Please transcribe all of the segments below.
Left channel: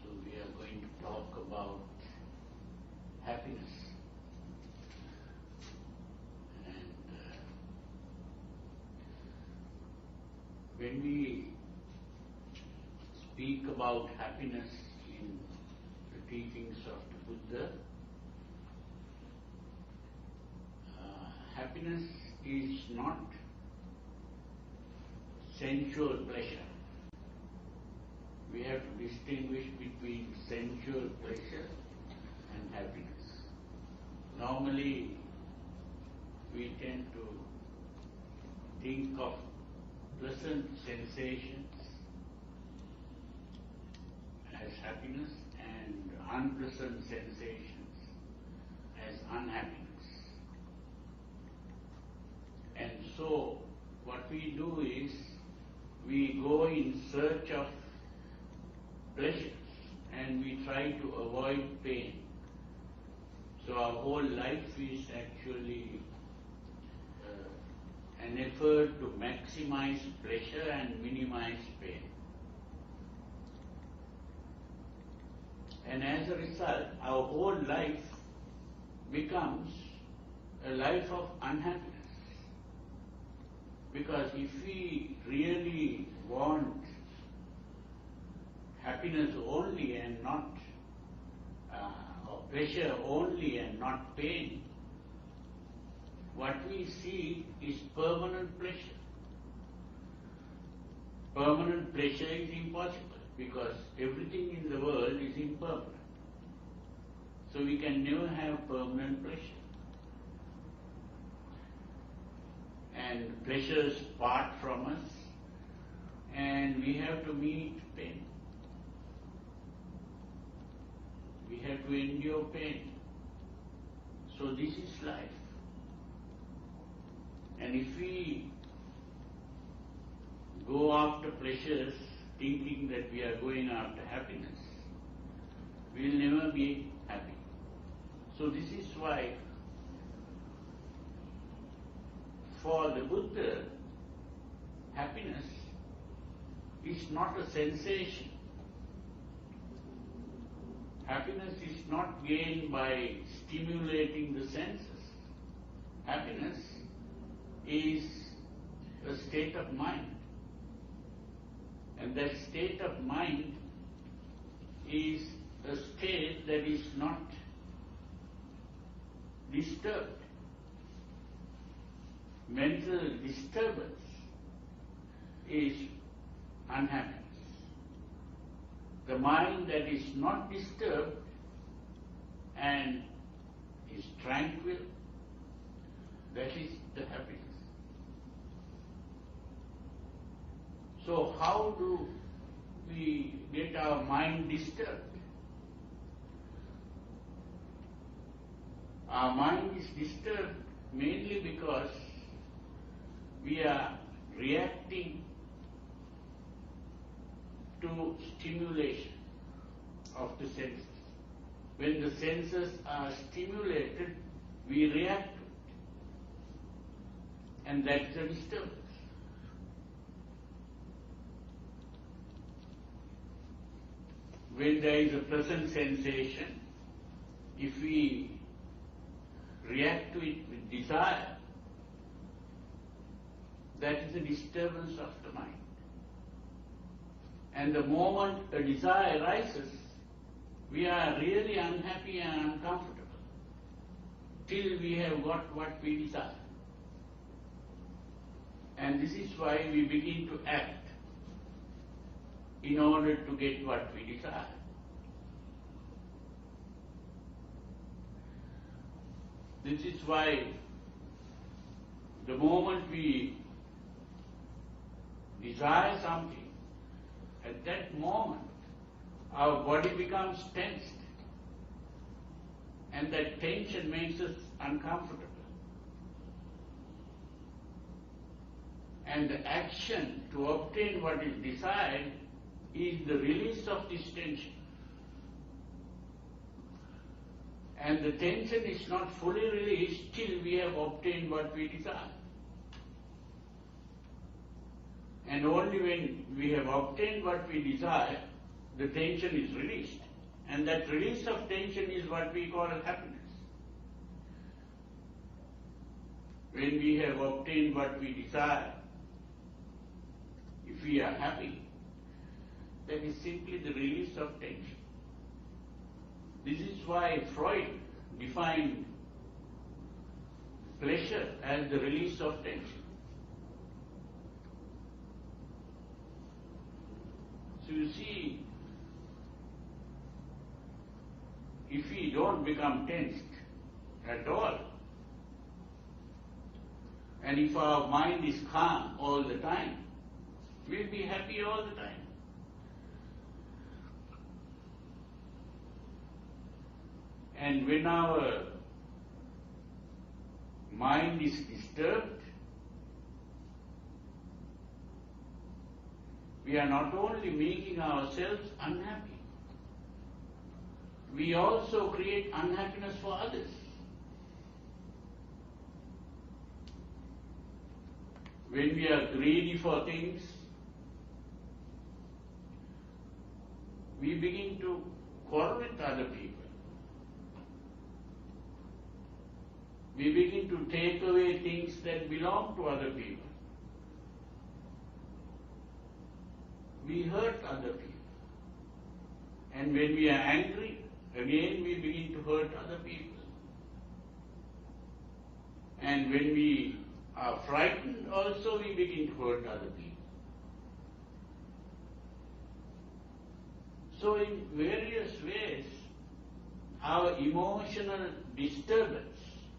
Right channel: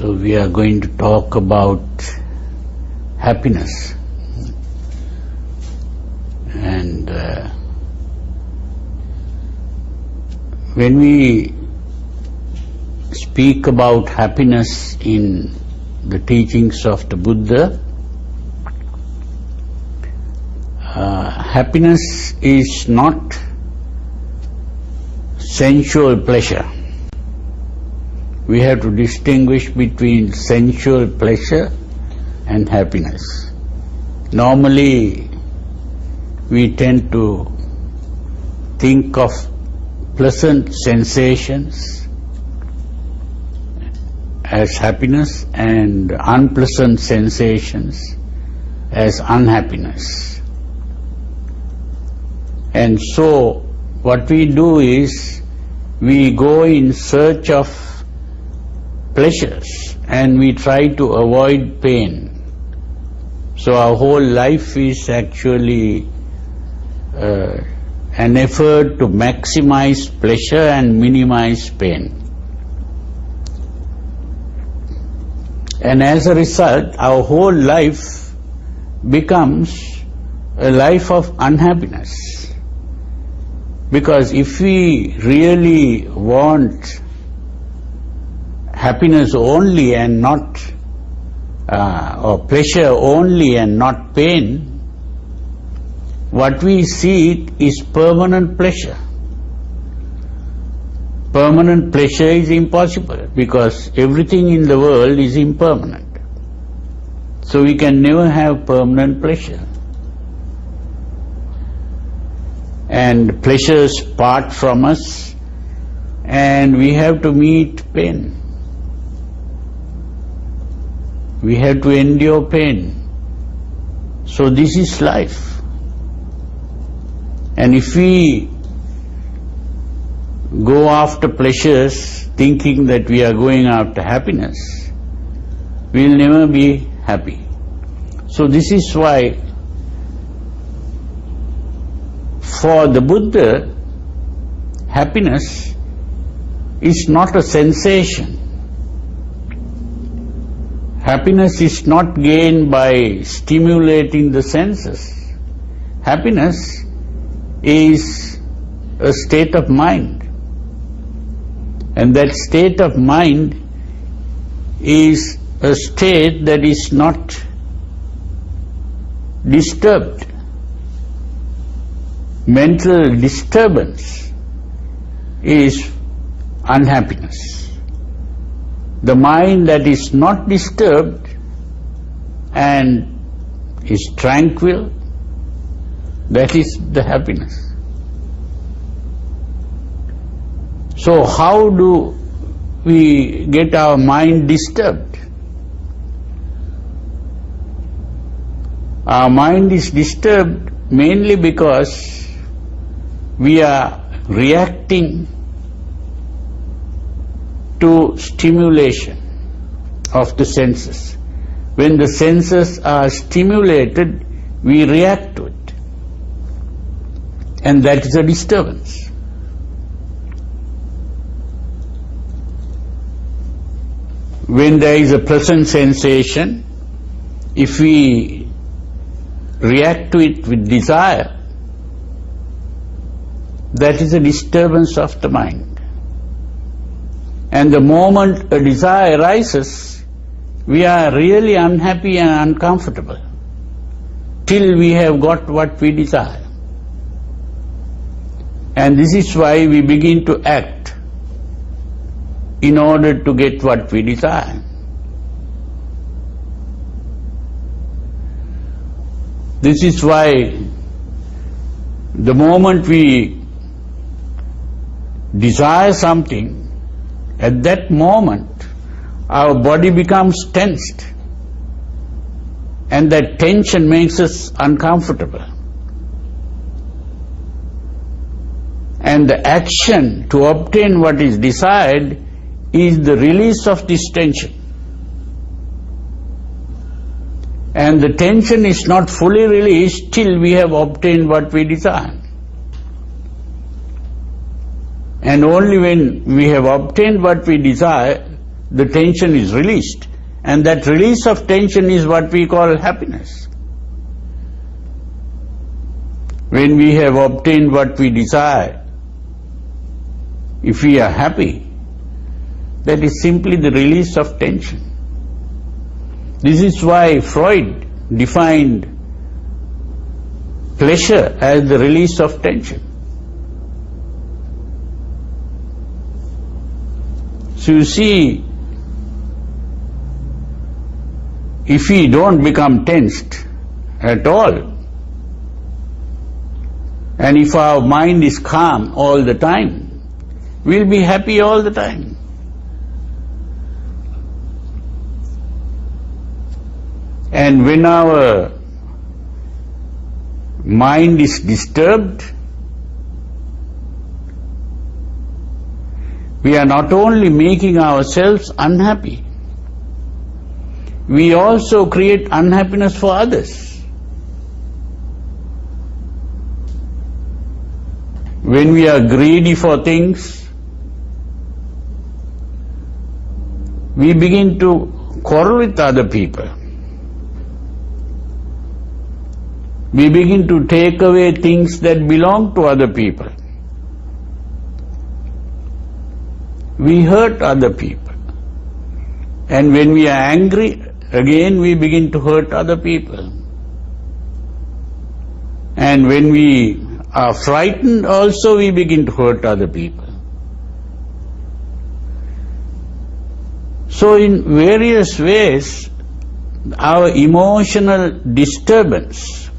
So we are going to talk about happiness. And when we speak about happiness in the teachings of the Buddha, happiness is not sensual pleasure. We have to distinguish between sensual pleasure and happiness. Normally, we tend to think of pleasant sensations as happiness and unpleasant sensations as unhappiness. And so, what we do is, we go in search of pleasures and we try to avoid pain. So our whole life is actually an effort to maximize pleasure and minimize pain. And as a result, our whole life becomes a life of unhappiness. Because if we really want happiness only and not, or pleasure only and not pain, what we seek is permanent pleasure. Permanent pleasure is impossible because everything in the world is impermanent. So we can never have permanent pleasure. And pleasures part from us and we have to meet pain. We have to endure pain. So this is life. And if we go after pleasures thinking that we are going after happiness, we will never be happy. So this is why for the Buddha, happiness is not a sensation. Happiness is not gained by stimulating the senses. Happiness is a state of mind. And that state of mind is a state that is not disturbed. Mental disturbance is unhappiness. The mind that is not disturbed and is tranquil, that is the happiness. So how do we get our mind disturbed? Our mind is disturbed mainly because we are reacting to stimulation of the senses. When the senses are stimulated, we react to it. And that is a disturbance. When there is a pleasant sensation, if we react to it with desire, that is a disturbance of the mind. And the moment a desire arises, we are really unhappy and uncomfortable till we have got what we desire. And this is why we begin to act in order to get what we desire. This is why the moment we desire something, at that moment our body becomes tensed, and that tension makes us uncomfortable. And the action to obtain what is desired is the release of this tension. And the tension is not fully released till we have obtained what we desire. And only when we have obtained what we desire, the tension is released. And that release of tension is what we call happiness. When we have obtained what we desire, if we are happy, that is simply the release of tension. This is why Freud defined pleasure as the release of tension. So you see, if we don't become tensed at all, and if our mind is calm all the time, we'll be happy all the time. And when our mind is disturbed, we are not only making ourselves unhappy, we also create unhappiness for others. When we are greedy for things, we begin to quarrel with other people. We begin to take away things that belong to other people. We hurt other people. And when we are angry, again we begin to hurt other people. And when we are frightened, also we begin to hurt other people. So in various ways, our emotional disturbance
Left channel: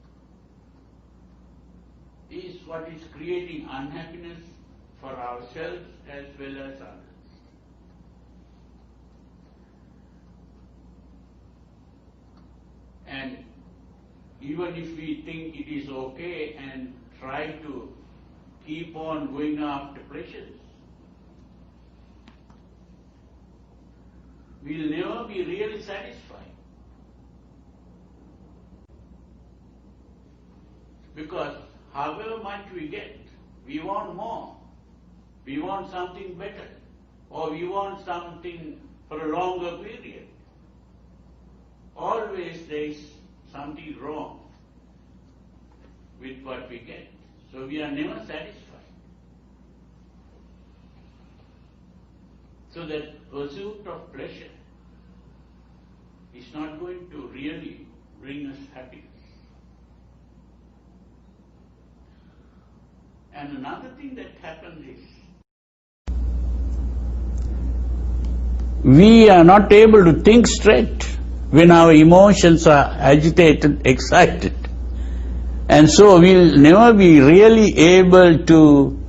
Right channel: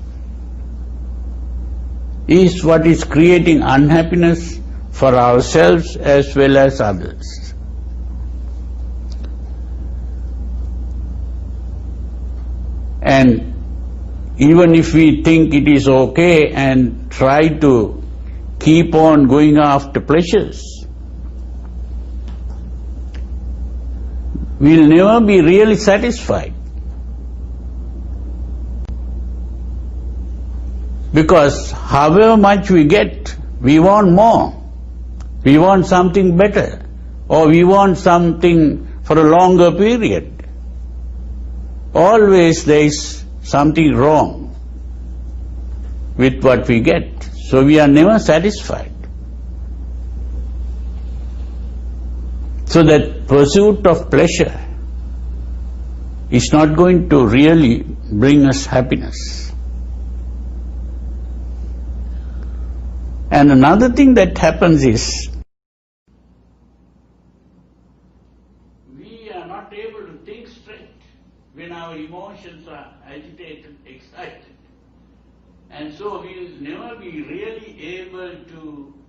is what is creating unhappiness for ourselves as well as others. And even if we think it is okay and try to keep on going after pleasures, we'll never be really satisfied. Because however much we get, we want more. We want something better, or we want something for a longer period. Always there is something wrong with what we get, so we are never satisfied. So that pursuit of pleasure is not going to really bring us happiness. And another thing that happens is, we are not able to think straight when our emotions are agitated, excited. And so we'll never be really able to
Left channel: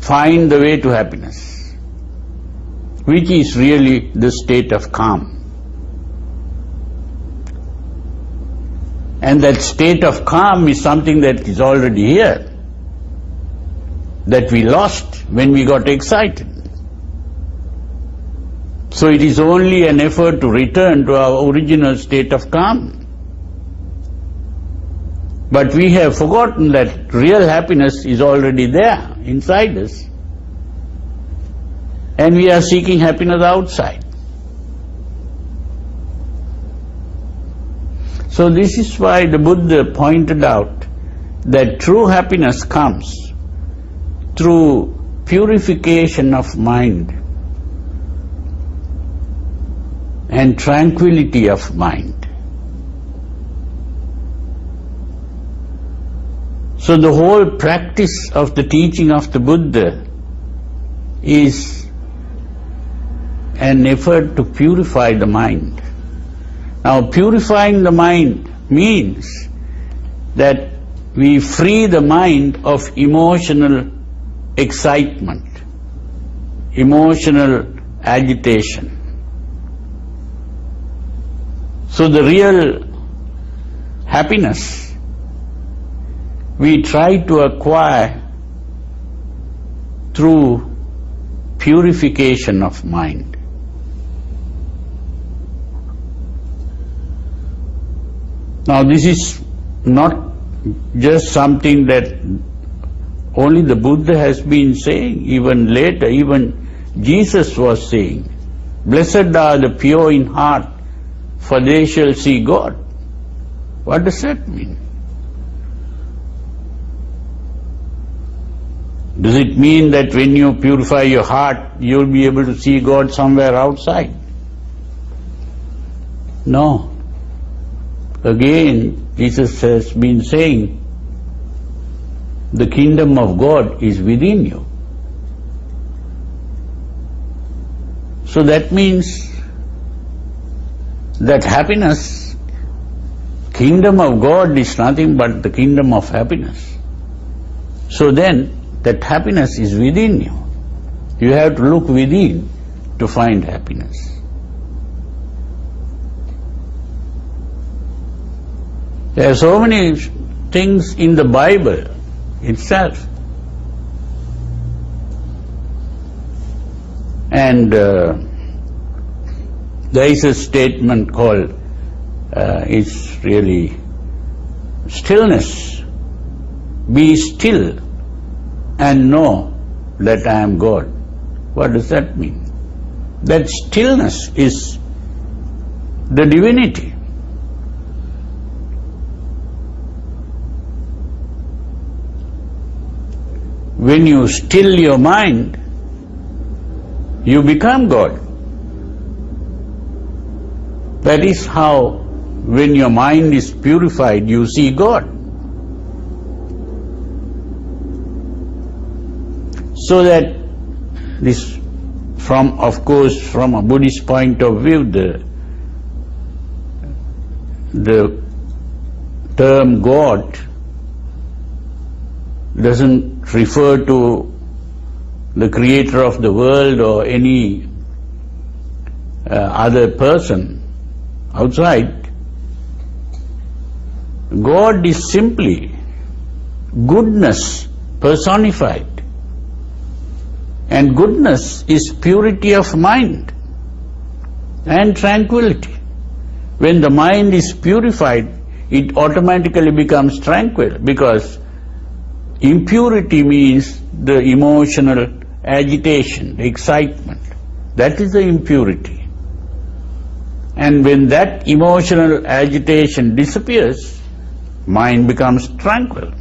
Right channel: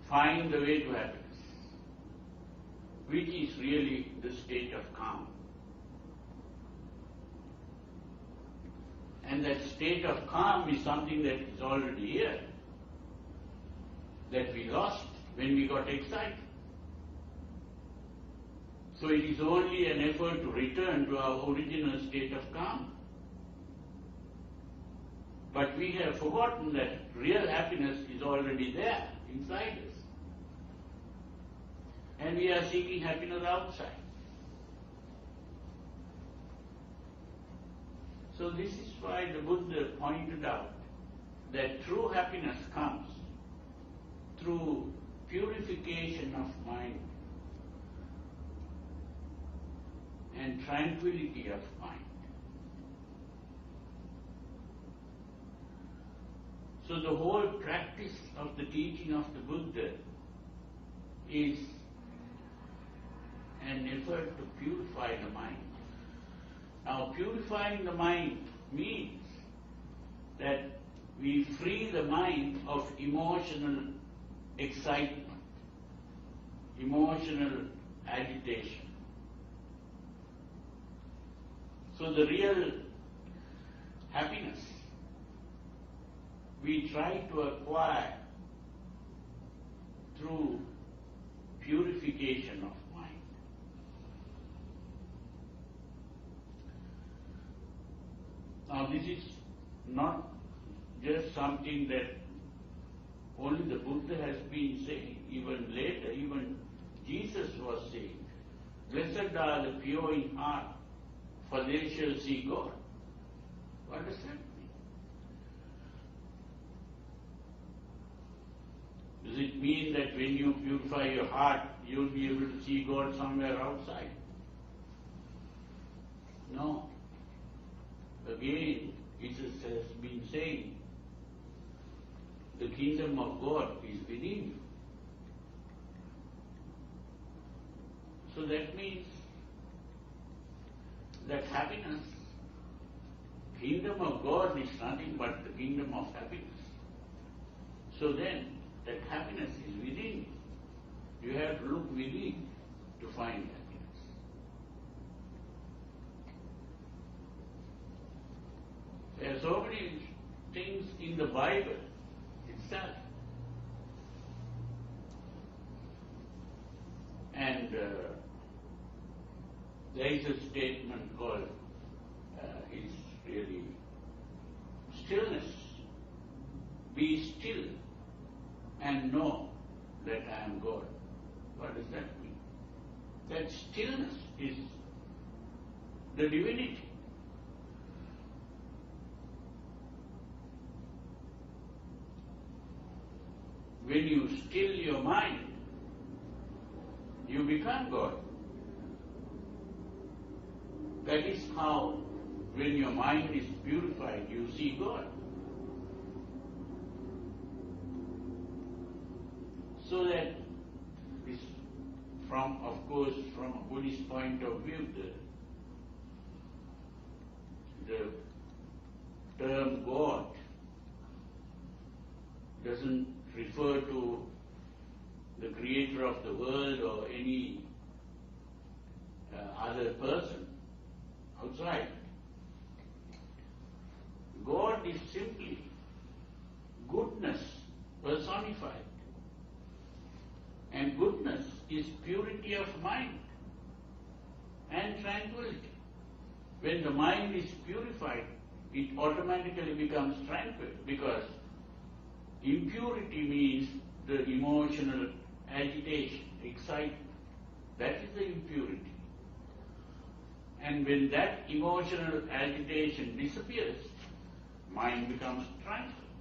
find the way to happiness, which is really the state of calm. And that state of calm is something that is already here, that we lost when we got excited. So it is only an effort to return to our original state of calm. But we have forgotten that real happiness is already there inside us, and we are seeking happiness outside. So this is why the Buddha pointed out that true happiness comes through purification of mind and tranquility of mind. So the whole practice of the teaching of the Buddha is an effort to purify the mind. Now, purifying the mind means that we free the mind of emotional excitement, emotional agitation. So the real happiness we try to acquire through purification of mind. Now this is not just something that only the Buddha has been saying, even later, even Jesus was saying Blessed are the pure in heart, for they shall see God. What does that mean? Does it mean that when you purify your heart, you'll be able to see God somewhere outside? No. Again, Jesus has been saying, the kingdom of God is within you. So that means that happiness, kingdom of God is nothing but the kingdom of happiness. So then, that happiness is within you. You have to look within to find happiness. There are so many things in the Bible itself. And there is a statement called, it's really stillness. Be still and know that I am God. What does that mean? That stillness is the divinity. When you still your mind, you become God. That is how, when your mind is purified, you see God. So that this, of course, from a Buddhist point of view, the term God doesn't refer to the creator of the world or any other person outside. God is simply goodness personified. And goodness is purity of mind and tranquility. When the mind is purified, it automatically becomes tranquil, because impurity means the emotional agitation, excitement. That is the impurity. And when that emotional agitation disappears, mind becomes tranquil.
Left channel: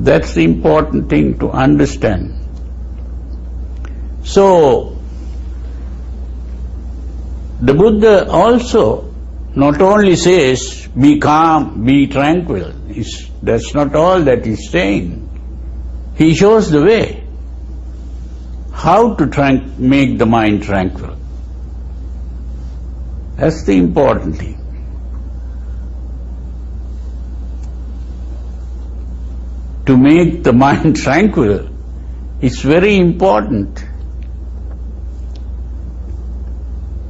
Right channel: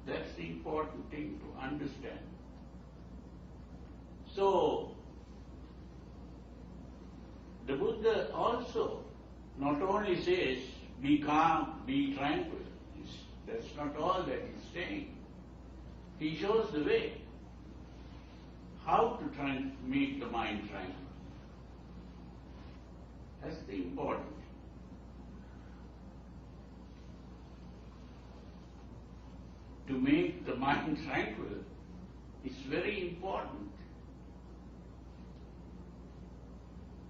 That's the important thing to understand. So, the Buddha also not only says, be calm, be tranquil. That's not all that he's saying. He shows the way how to make the mind tranquil. That's the important thing. To make the mind tranquil, it's very important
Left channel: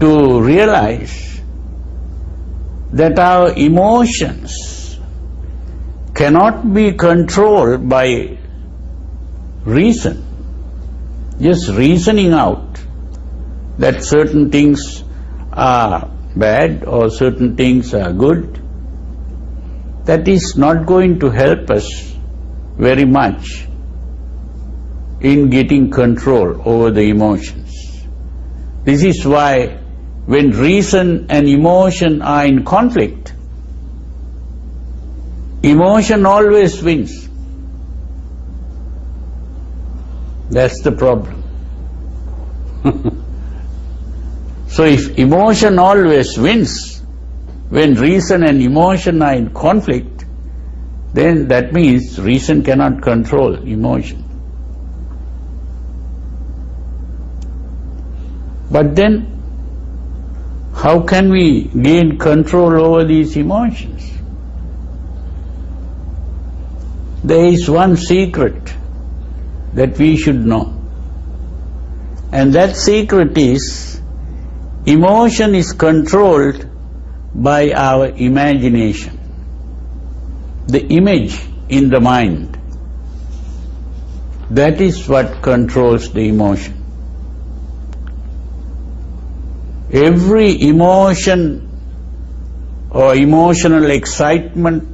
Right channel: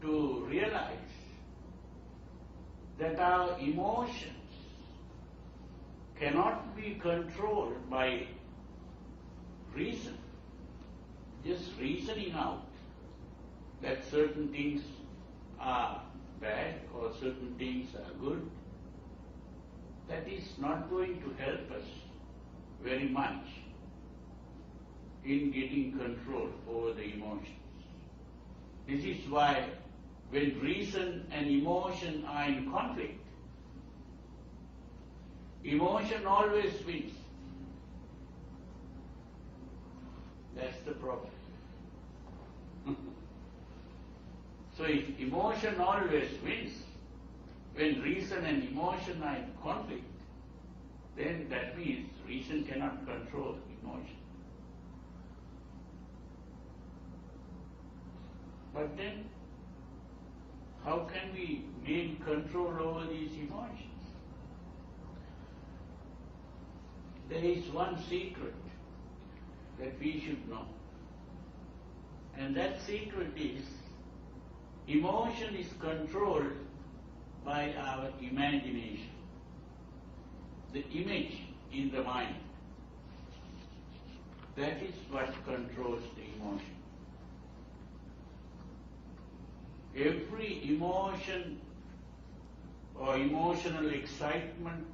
to realize that our emotions cannot be controlled by reason. Just reasoning out that certain things are bad or certain things are good, that is not going to help us very much in getting control over the emotions. This is why when reason and emotion are in conflict, emotion always wins. That's the problem. So if emotion always wins, when reason and emotion are in conflict, then that means reason cannot control emotion. But then, how can we gain control over these emotions? There is one secret that we should know. And that secret is, emotion is controlled by our imagination. The image in the mind, that is what controls the emotion. Every emotion or emotional excitement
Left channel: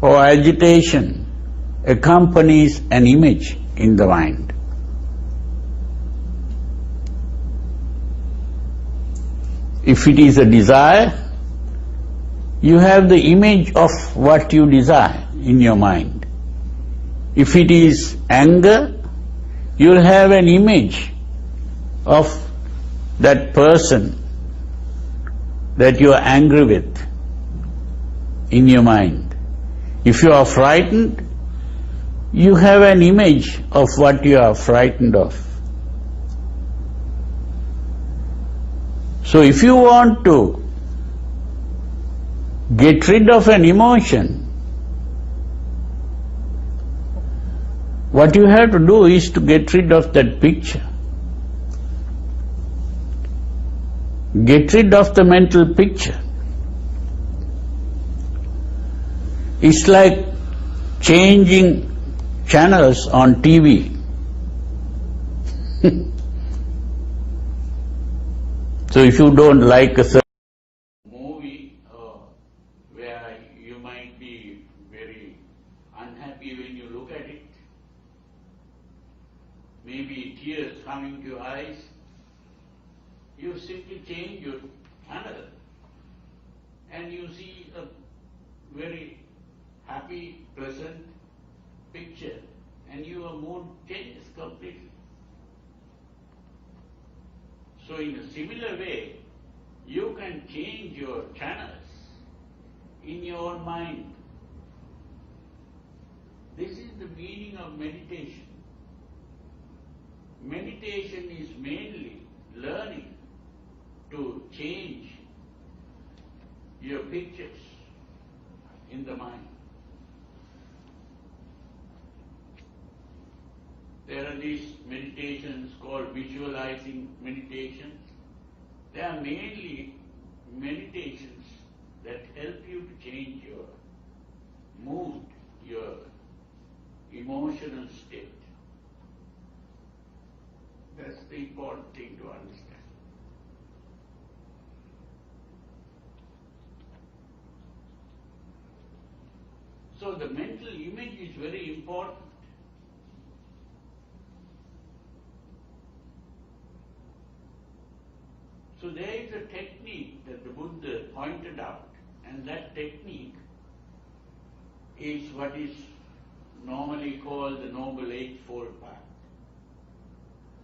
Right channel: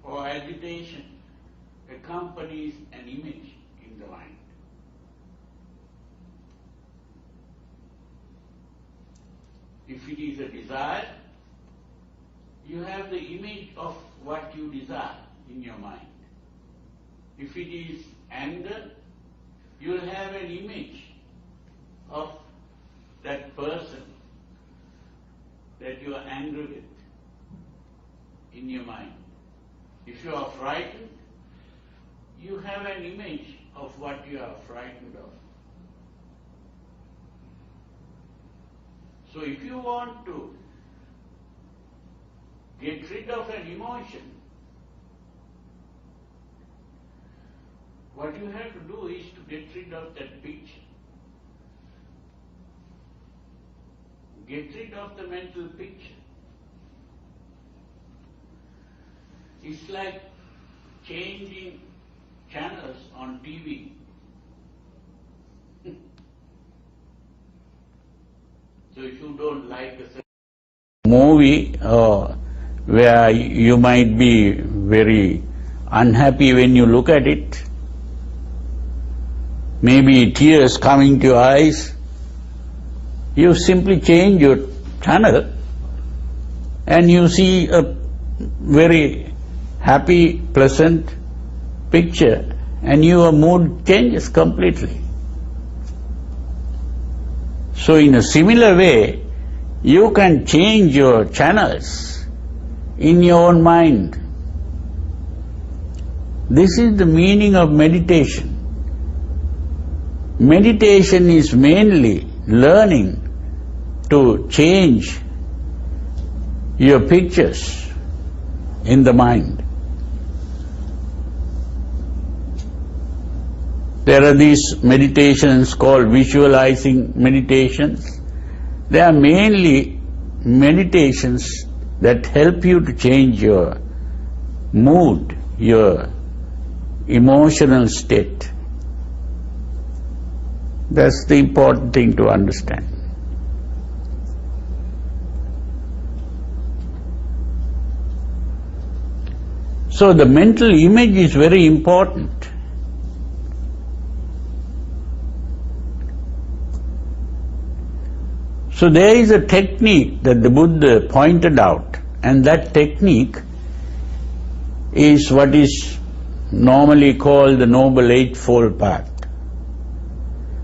or agitation accompanies an image in the mind. If it is a desire, you have the image of what you desire in your mind. If it is anger, you'll have an image of that person that you are angry with in your mind. If you are frightened, you have an image of what you are frightened of. So if you want to get rid of an emotion, what you have to do is to get rid of that picture. Get rid of the mental picture. It's like changing channels on TV. So if you don't like a certain movie or where you might be very unhappy when you look at it, maybe tears coming to your eyes, you simply change your channel and you see a very happy, pleasant picture and your mood changes completely. So in a similar way, you can change your channels in your own mind. This is the meaning of meditation. Meditation is mainly learning to change your pictures in the mind. There are these meditations called visualizing meditations. They are mainly meditations that help you to change your mood, your emotional state. That's the important thing to understand. So the mental image is very important. So there is a technique that the Buddha pointed out, and that technique is what is normally called the Noble Eightfold Path.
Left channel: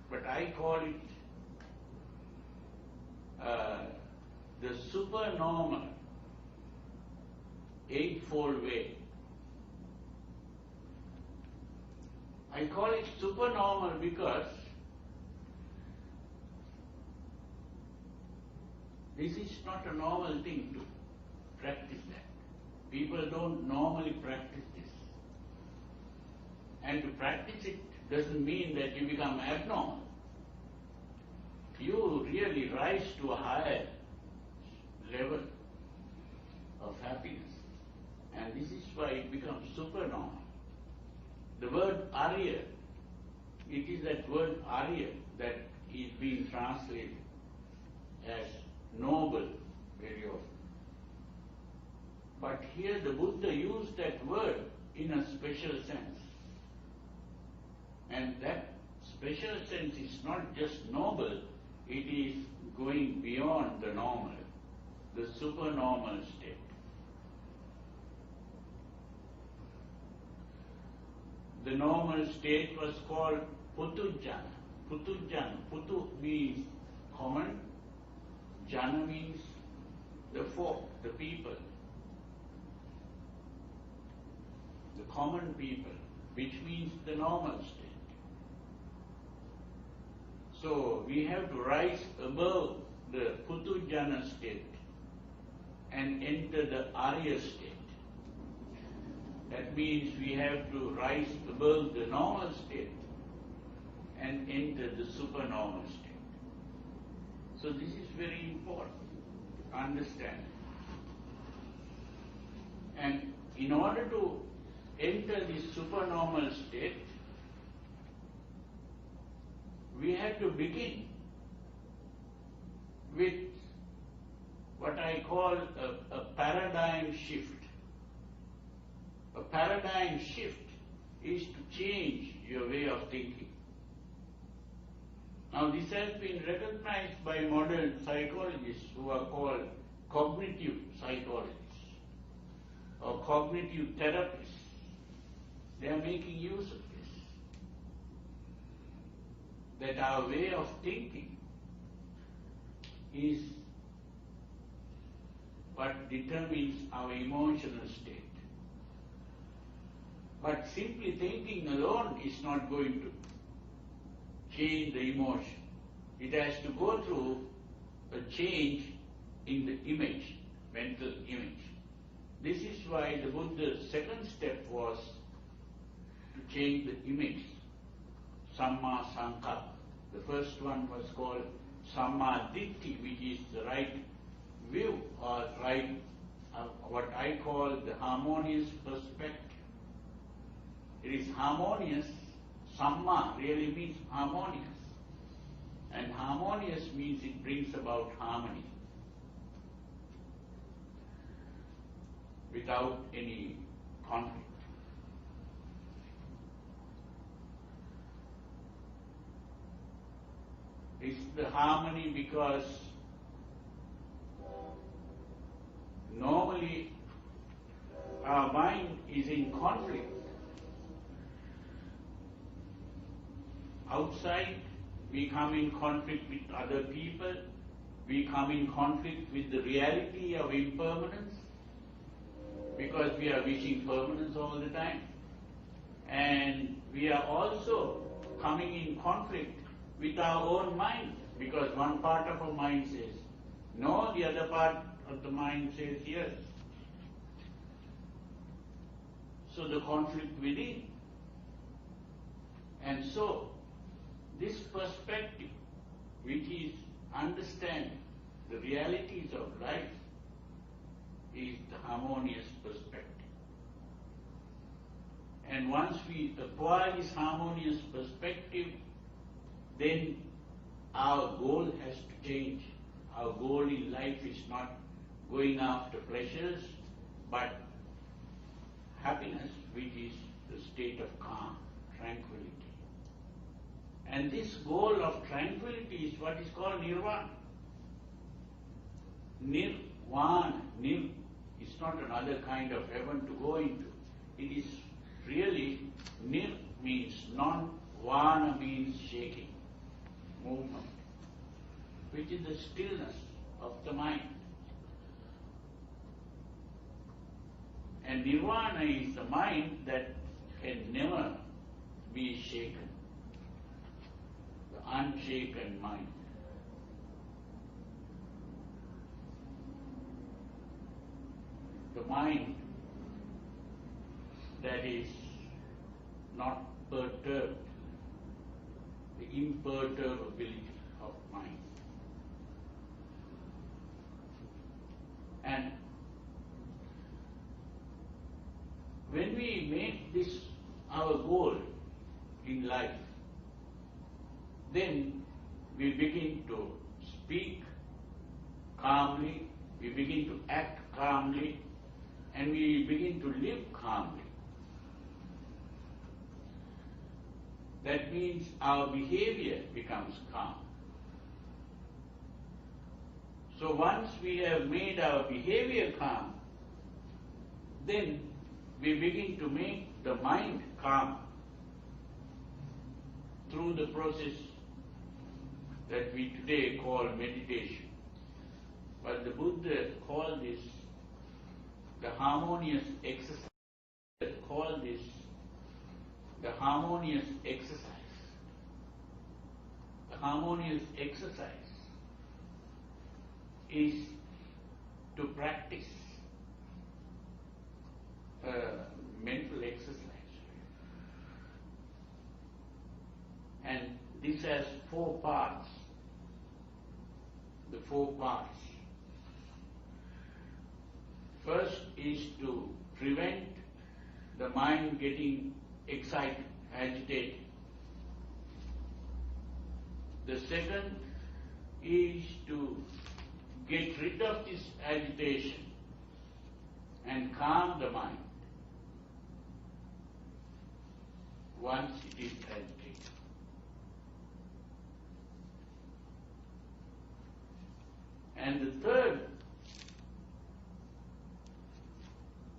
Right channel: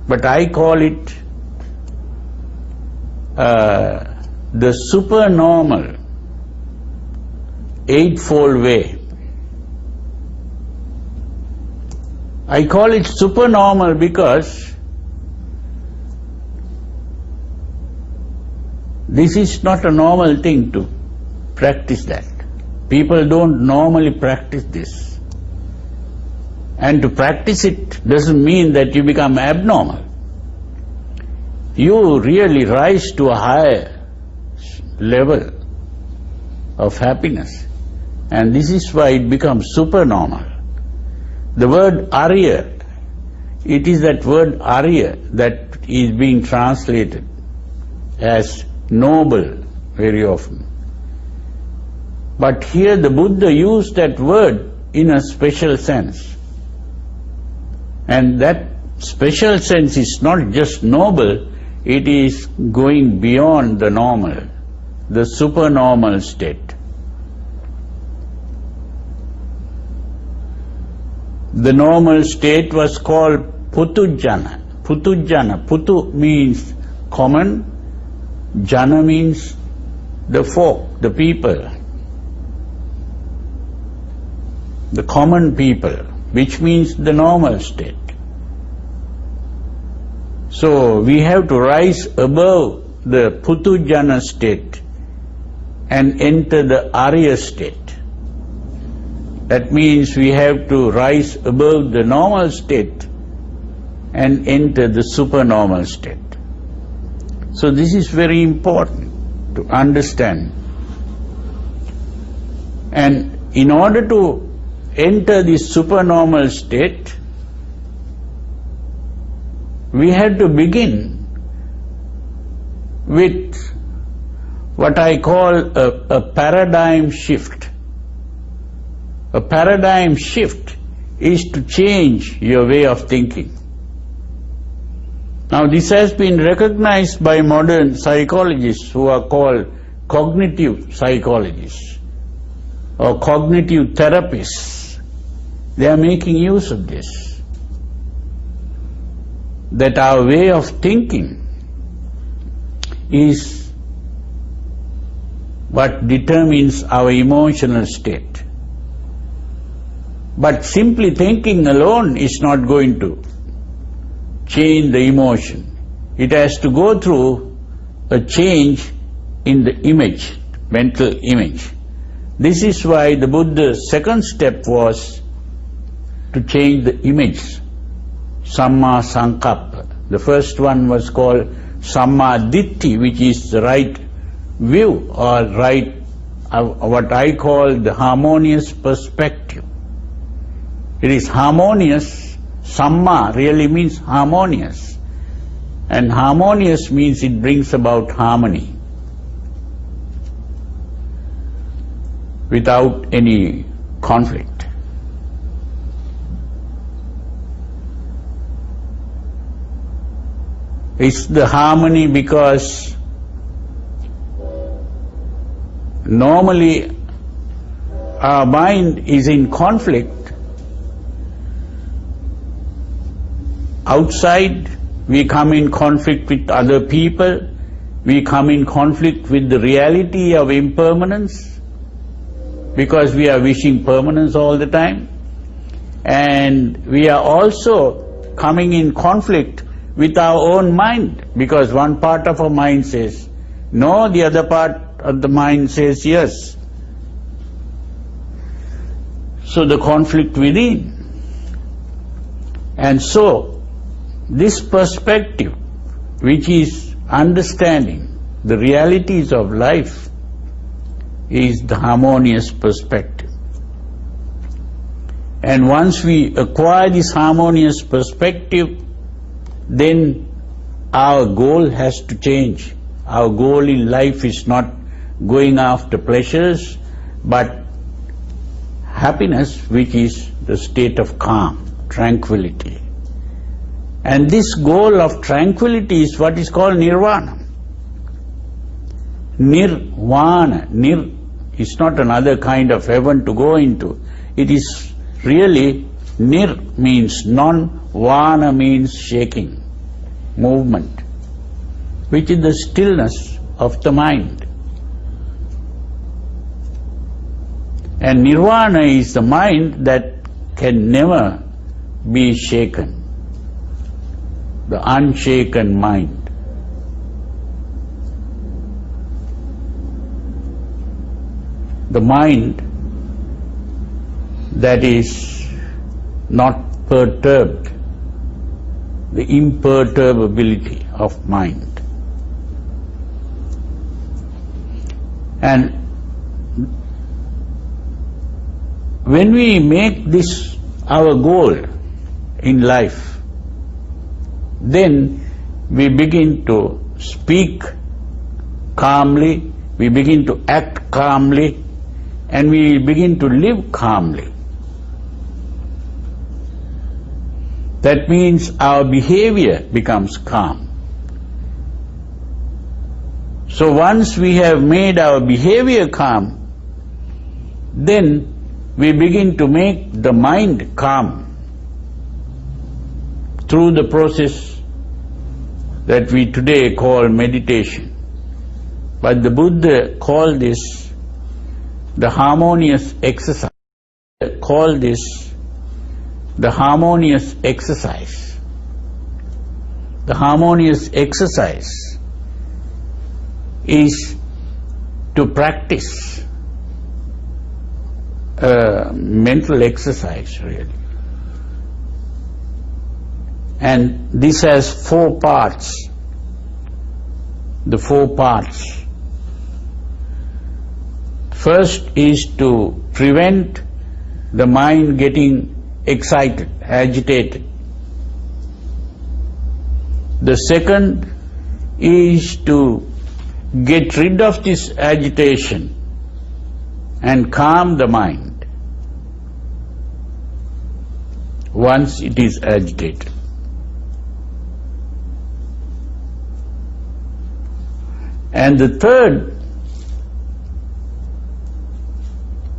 But I call it the supernormal Eightfold Way. I call it supernormal because this is not a normal thing to practice that. People don't normally practice this. And to practice it doesn't mean that you become abnormal. You really rise to a higher level of happiness. And this is why it becomes supernormal. The word Arya, it is that word Arya that is being translated as noble very often. But here the Buddha used that word in a special sense. And that special sense is not just noble, it is going beyond the normal, the supernormal state. The normal state was called Putu Jhana. Putu Jhana. Putu means common, Jhana means the folk, the people, the common people, which means the normal state. So we have to rise above the Putu Jhana state and enter the Arya state. That means we have to rise above the normal state and enter the supernormal state. So this is very important to understand. And in order to enter this supernormal state, we have to begin with what I call a paradigm shift. A paradigm shift is to change your way of thinking. Now this has been recognized by modern psychologists who are called cognitive psychologists or cognitive therapists. They are making use of this. That our way of thinking is what determines our emotional state. But simply thinking alone is not going to change the emotion. It has to go through a change in the image, mental image. This is why the Buddha's second step was to change the image, Samma Sankappa. The first one was called Samma Ditti, which is the right view or right, what I call the harmonious perspective. It is harmonious. Samma really means harmonious. And harmonious means it brings about harmony without any conflict. It's the harmony because normally our mind is in conflict. Outside, we come in conflict with other people, we come in conflict with the reality of impermanence, because we are wishing permanence all the time, and we are also coming in conflict with our own mind, because one part of our mind says no, the other part of the mind says yes. So the conflict within. And so this perspective, which is understanding the realities of life, is the harmonious perspective. And once we acquire this harmonious perspective, then our goal has to change. Our goal in life is not going after pleasures, but happiness, which is the state of calm, tranquility. And this goal of tranquility is what is called nirvana. Nirvana. Nir is not another kind of heaven to go into. It is really, nir means non, vana means shaking, movement, which is the stillness of the mind. And nirvana is the mind that can never be shaken, the unshaken mind. The mind that is not perturbed, the imperturbability of mind. And when we make this our goal in life, then we begin to speak calmly, we begin to act calmly, and we begin to live calmly. That means our behavior becomes calm. So once we have made our behavior calm, then we begin to make the mind calm through the process that we today call meditation. But the Buddha called this the harmonious exercise. Call this the harmonious exercise. The harmonious exercise is to practice mental exercise, really. And this has 4 parts. The 4 parts. First is to prevent the mind getting excited, agitated. The second is to get rid of this agitation and calm the mind. once it is agitated. And the third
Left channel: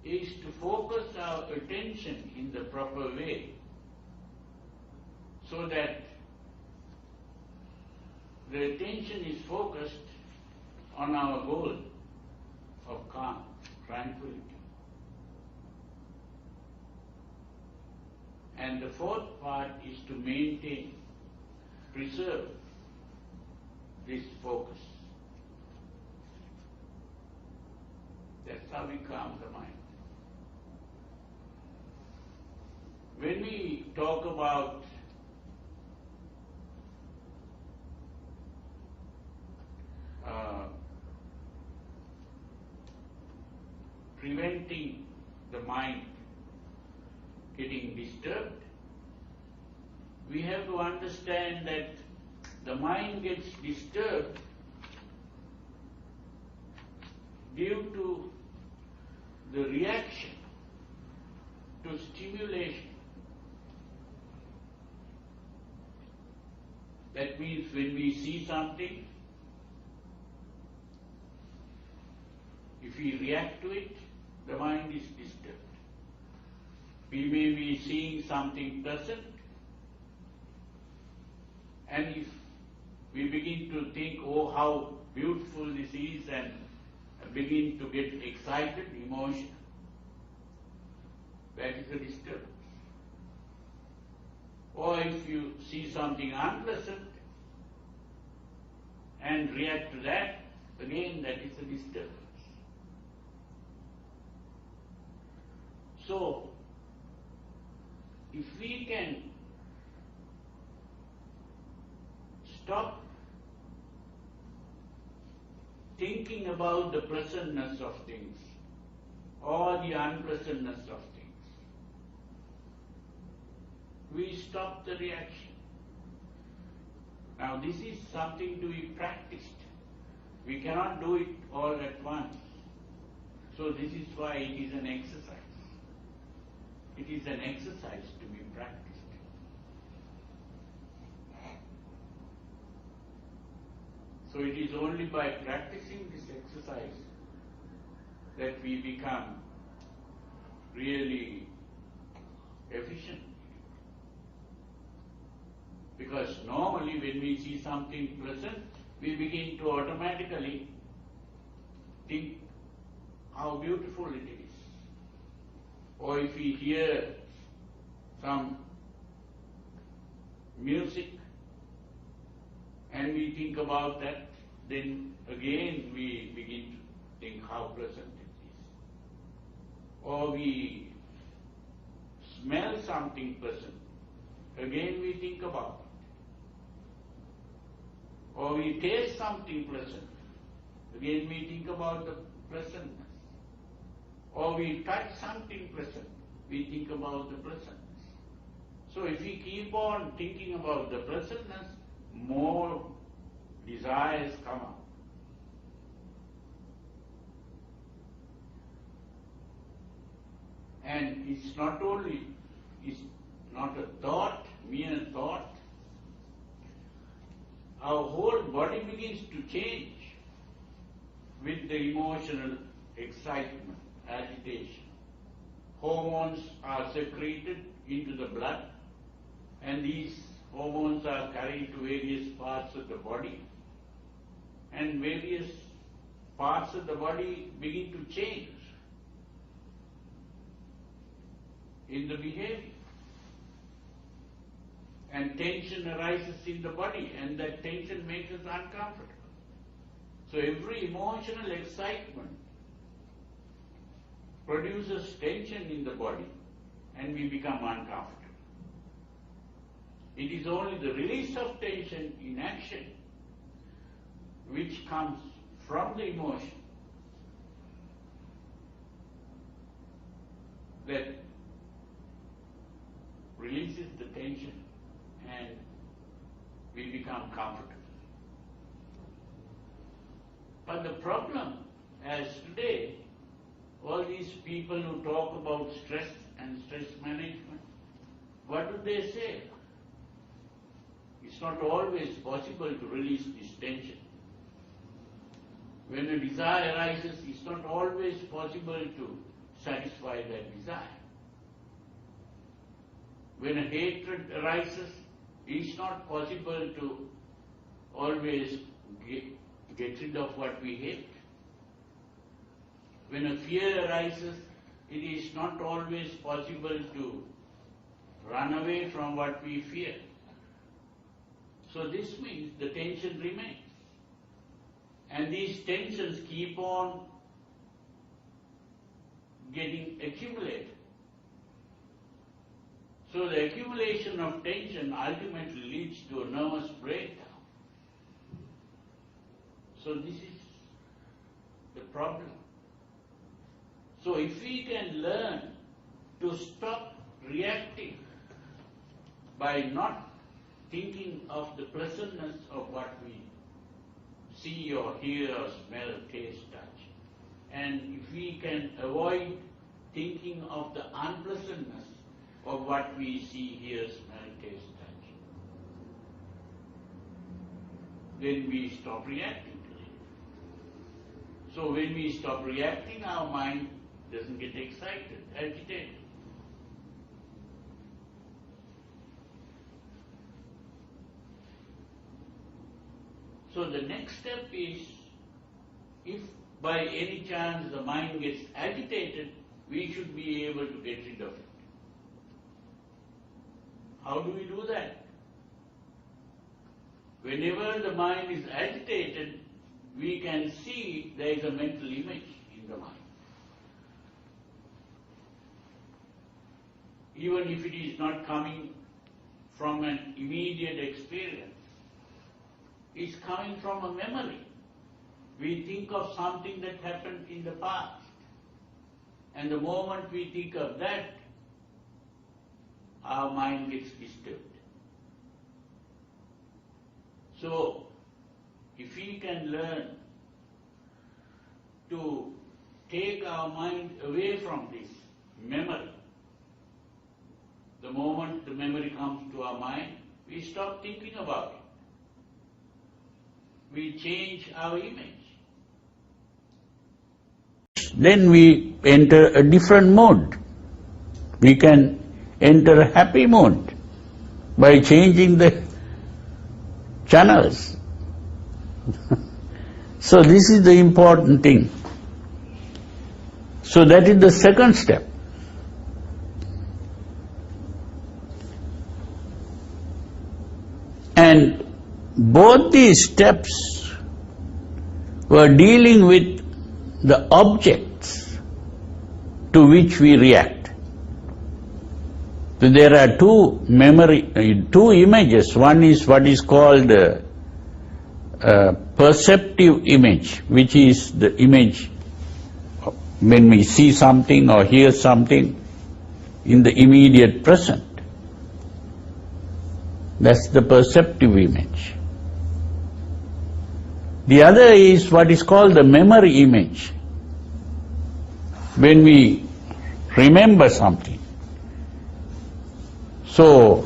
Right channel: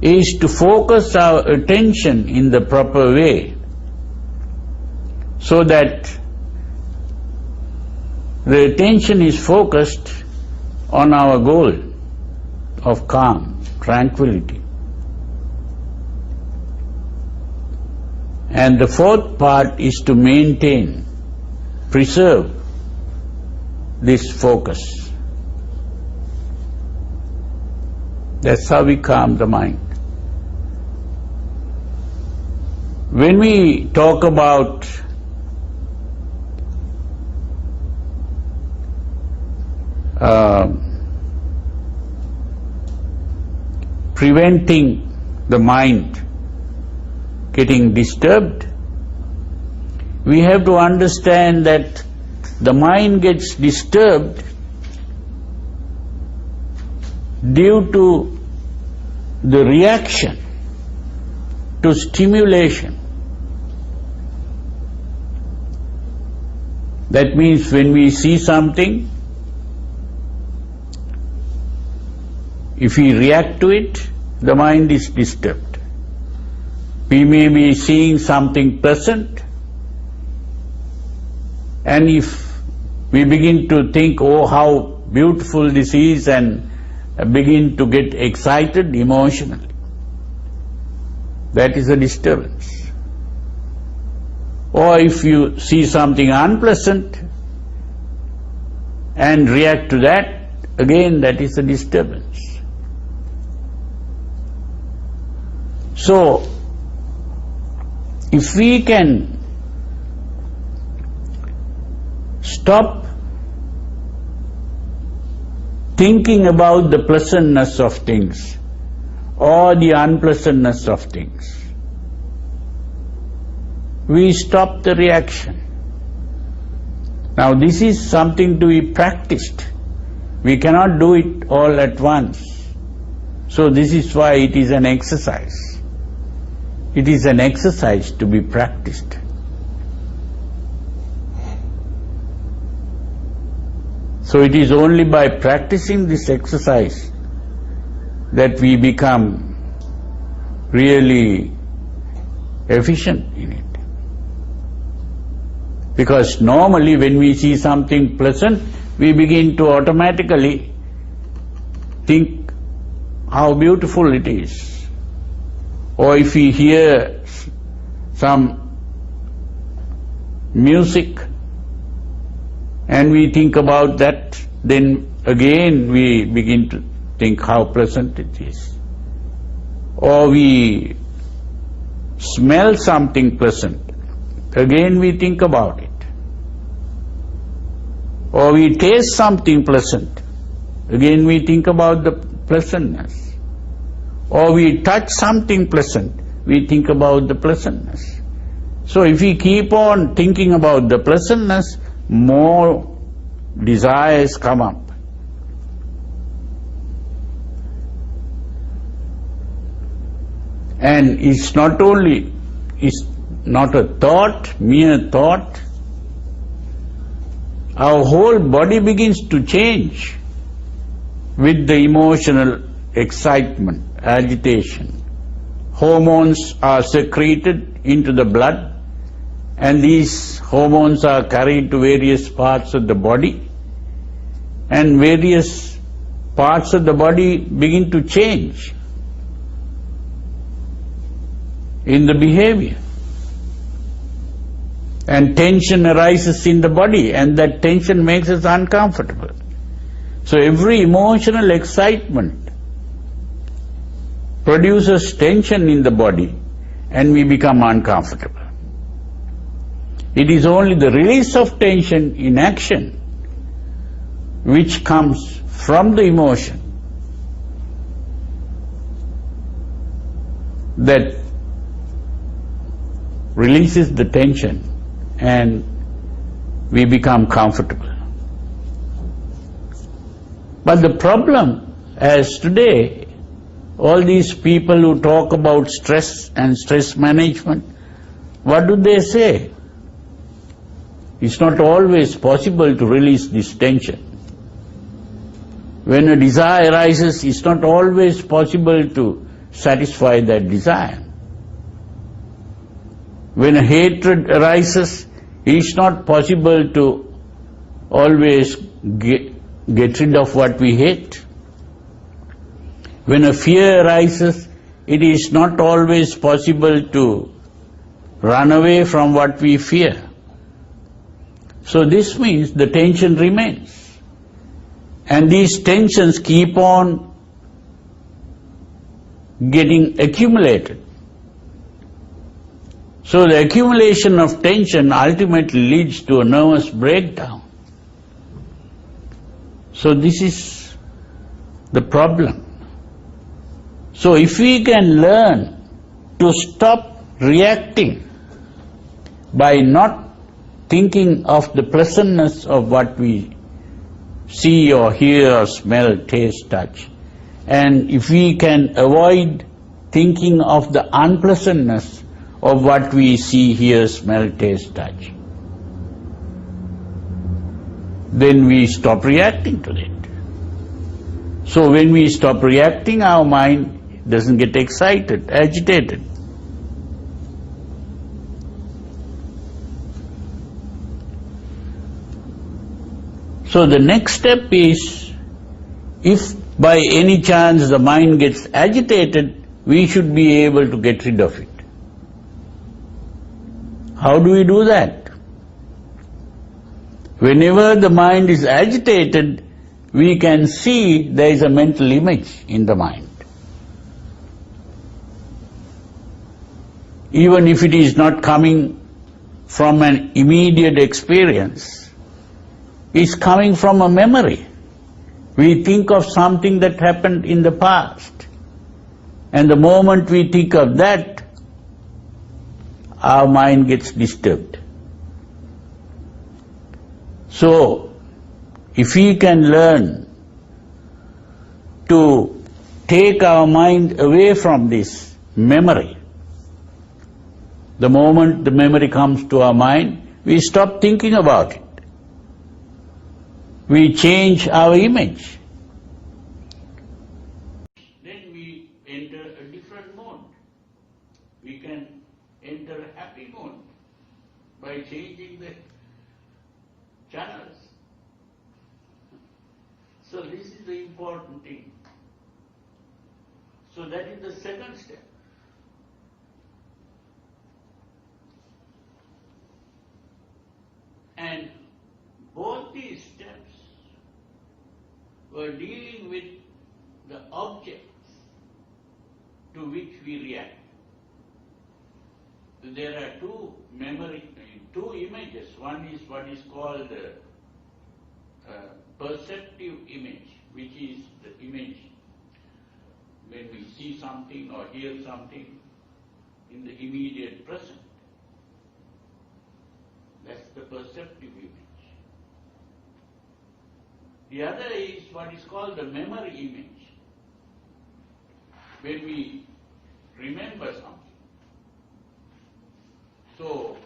is to focus our attention in the proper way, so that the attention is focused on our goal of calm, tranquility. And the fourth part is to maintain, preserve this focus. That's how we calm the mind. When we talk about preventing the mind getting disturbed, we have to understand that the mind gets disturbed due to the reaction to stimulation. That means when we see something, if we react to it, the mind is disturbed. We may be seeing something pleasant, and if we begin to think, oh, how beautiful this is, and begin to get excited emotionally, that is a disturbance. Or if you see something unpleasant and react to that, again that is a disturbance. So, if we can stop thinking about the pleasantness of things or the unpleasantness of things, we stop the reaction. Now this is something to be practiced. We cannot do it all at once. So this is why it is an exercise. It is an exercise to be practiced. So it is only by practicing this exercise that we become really efficient in it. Because normally when we see something pleasant, we begin to automatically think how beautiful it is. Or if we hear some music and we think about that, then again we begin to think how pleasant it is. Or we smell something pleasant, again we think about it. Or we taste something pleasant, again we think about the pleasantness. Or we touch something pleasant, we think about the pleasantness. So if we keep on thinking about the pleasantness, more desires come up. And it's not a thought, mere thought. Our whole body begins to change with the emotional excitement, agitation. Hormones are secreted into the blood, and these hormones are carried to various parts of the body, and various parts of the body begin to change in the behavior. And tension arises in the body, and that tension makes us uncomfortable. So every emotional excitement produces tension in the body, and we become uncomfortable. It is only the release of tension in action which comes from the emotion that releases the tension, and we become comfortable. But the problem, as today, all these people who talk about stress and stress management, what do they say? It's not always possible to release this tension. When a desire arises, it's not always possible to satisfy that desire. When a hatred arises, it's not possible to always get rid of what we hate. When a fear arises, it is not always possible to run away from what we fear. So this means the tension remains. And these tensions keep on getting accumulated. So the accumulation of tension ultimately leads to a nervous breakdown. So this is the problem. So if we can learn to stop reacting by not thinking of the pleasantness of what we see or hear or smell, taste, touch, and if we can avoid thinking of the unpleasantness of what we see, hear, smell, taste, touch, then we stop reacting to it. So when we stop reacting, our mind doesn't get excited, agitated. So the next step is, if by any chance the mind gets agitated, we should be able to get rid of it. How do we do that? Whenever the mind is agitated, we can see there is a mental image in the mind. Even if it is not coming from an immediate experience, it's coming from a memory. We think of something that happened in the past, and the moment we think of that, our mind gets disturbed. So, if we can learn to take our mind away from this memory, the moment the memory comes to our mind, we stop thinking about it. We change our image. Then we enter a different mode. We can enter a happy mode by changing the channels. So this is the important thing. So that is the second step. And both these steps were dealing with the objects to which we react. So there are two images. One is what is called perceptive image, which is the image when we see something or hear something in the immediate present. That's the perceptive image. The other is what is called the memory image. When we remember something. So,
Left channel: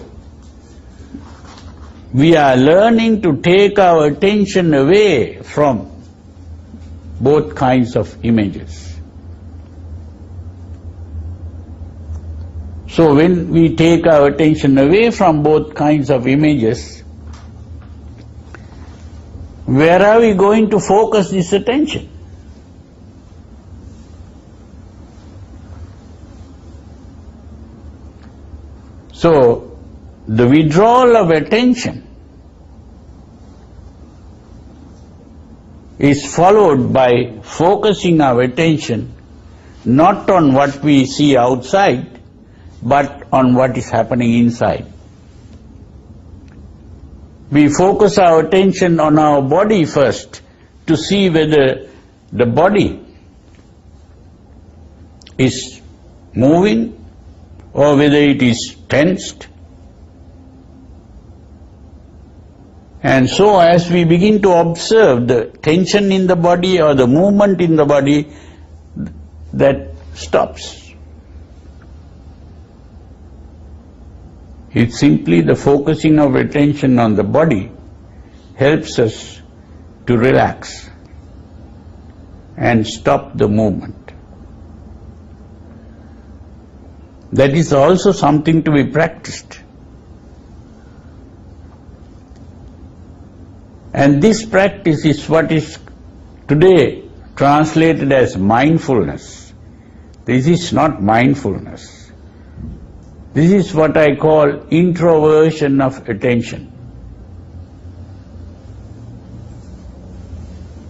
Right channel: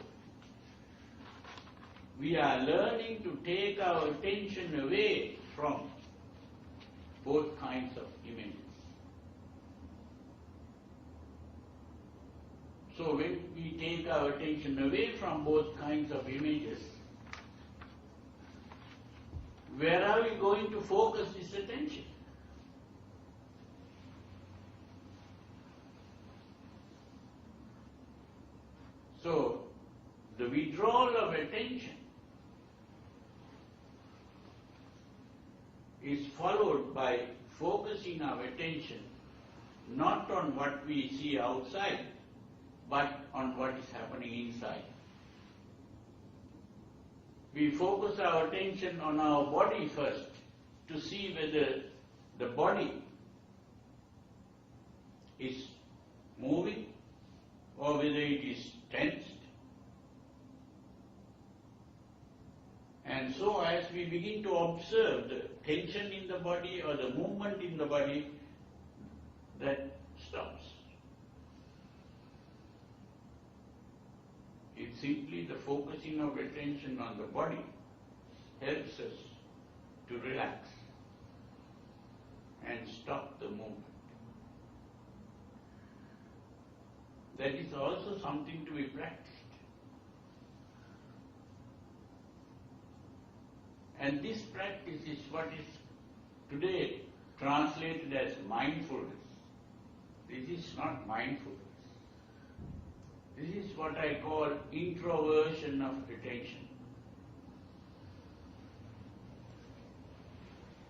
we are learning to take our attention away from both kinds of images. So when we take our attention away from both kinds of images, where are we going to focus this attention? So, the withdrawal of attention is followed by focusing our attention not on what we see outside, but on what is happening inside. We focus our attention on our body first to see whether the body is moving or whether it is tensed. And so as we begin to observe the tension in the body or the movement in the body, that stops. It's simply the focusing of attention on the body helps us to relax and stop the movement. That is also something to be practiced. And this practice is what is today translated as mindfulness. This is not mindfulness. This is what I call introversion of attention.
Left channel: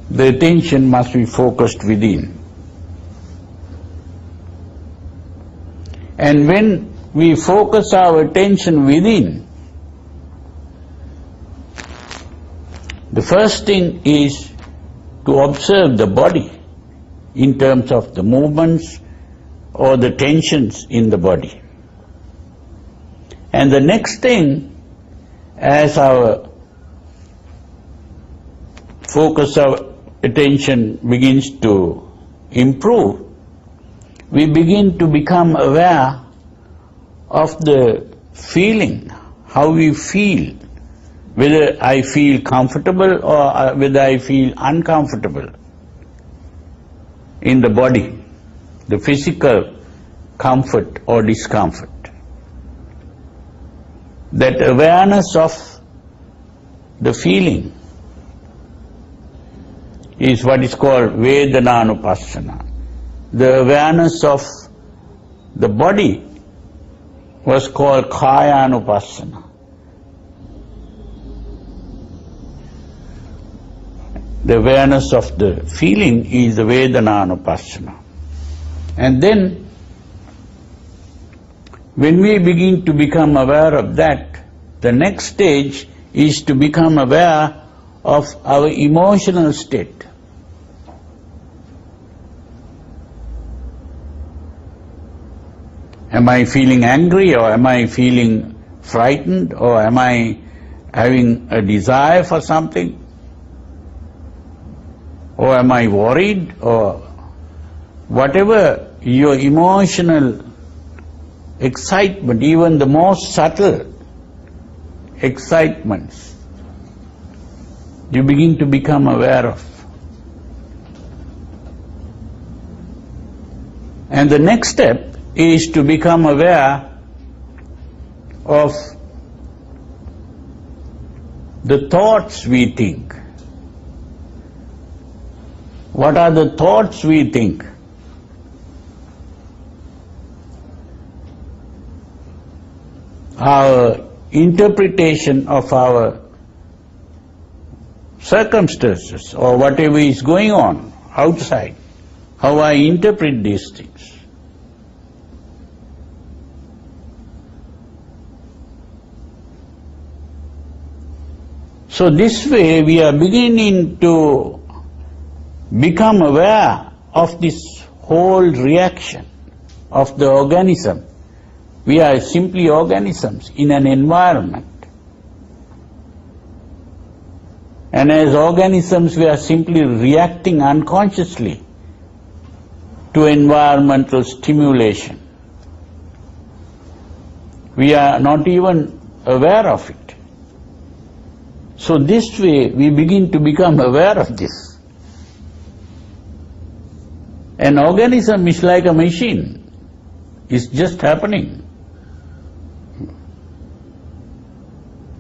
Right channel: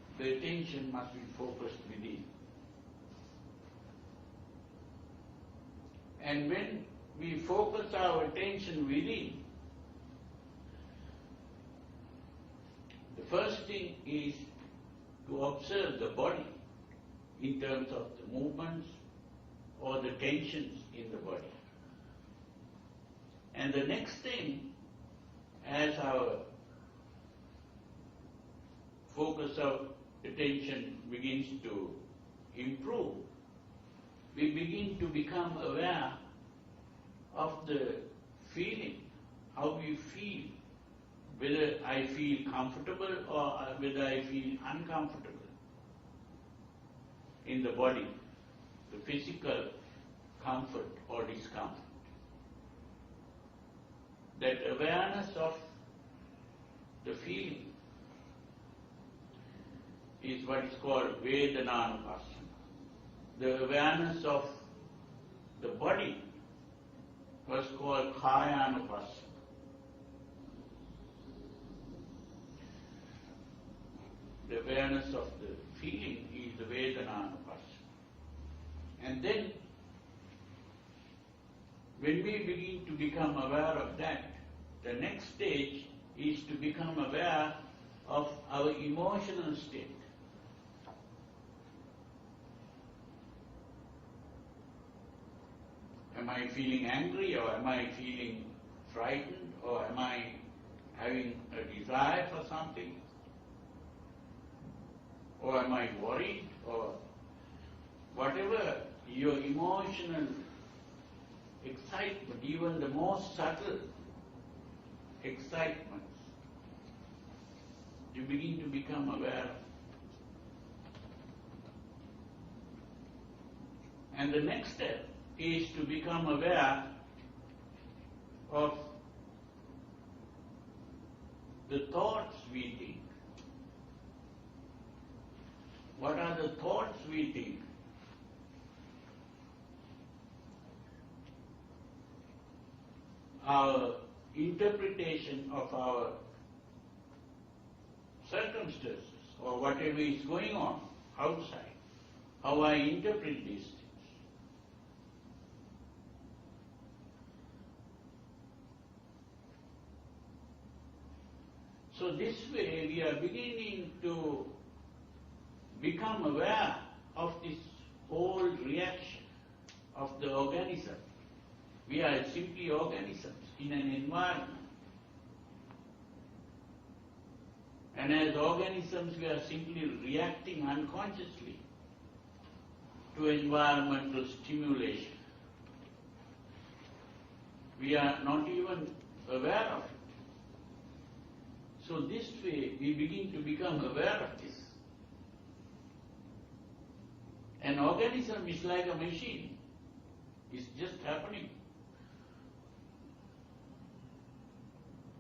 The attention must be focused within. And when we focus our attention within, the first thing is to observe the body in terms of the movements or the tensions in the body. And the next thing, as our focus of attention begins to improve, we begin to become aware of the feeling, how we feel, whether I feel comfortable or whether I feel uncomfortable in the body, the physical comfort or discomfort. That awareness of the feeling is what is called Vedananupassana. The awareness of the body was called Kayanupassana. The awareness of the feeling is the Vedananupassana. And then, when we begin to become aware of that, the next stage is to become aware of our emotional state. Am I feeling angry, or am I feeling frightened, or am I having a desire for something? Or am I worried, or whatever your emotional excitement, even the most subtle excitements, you begin to become aware of. And the next step is to become aware of the thoughts we think. What are the thoughts we think? Our interpretation of our circumstances or whatever is going on outside, how I interpret these things. So this way we are beginning to become aware of this whole reaction of the organism. We are simply organisms in an environment. And as organisms we are simply reacting unconsciously to environmental stimulation. We are not even aware of it. So this way we begin to become aware of this. An organism is like a machine. It's just happening.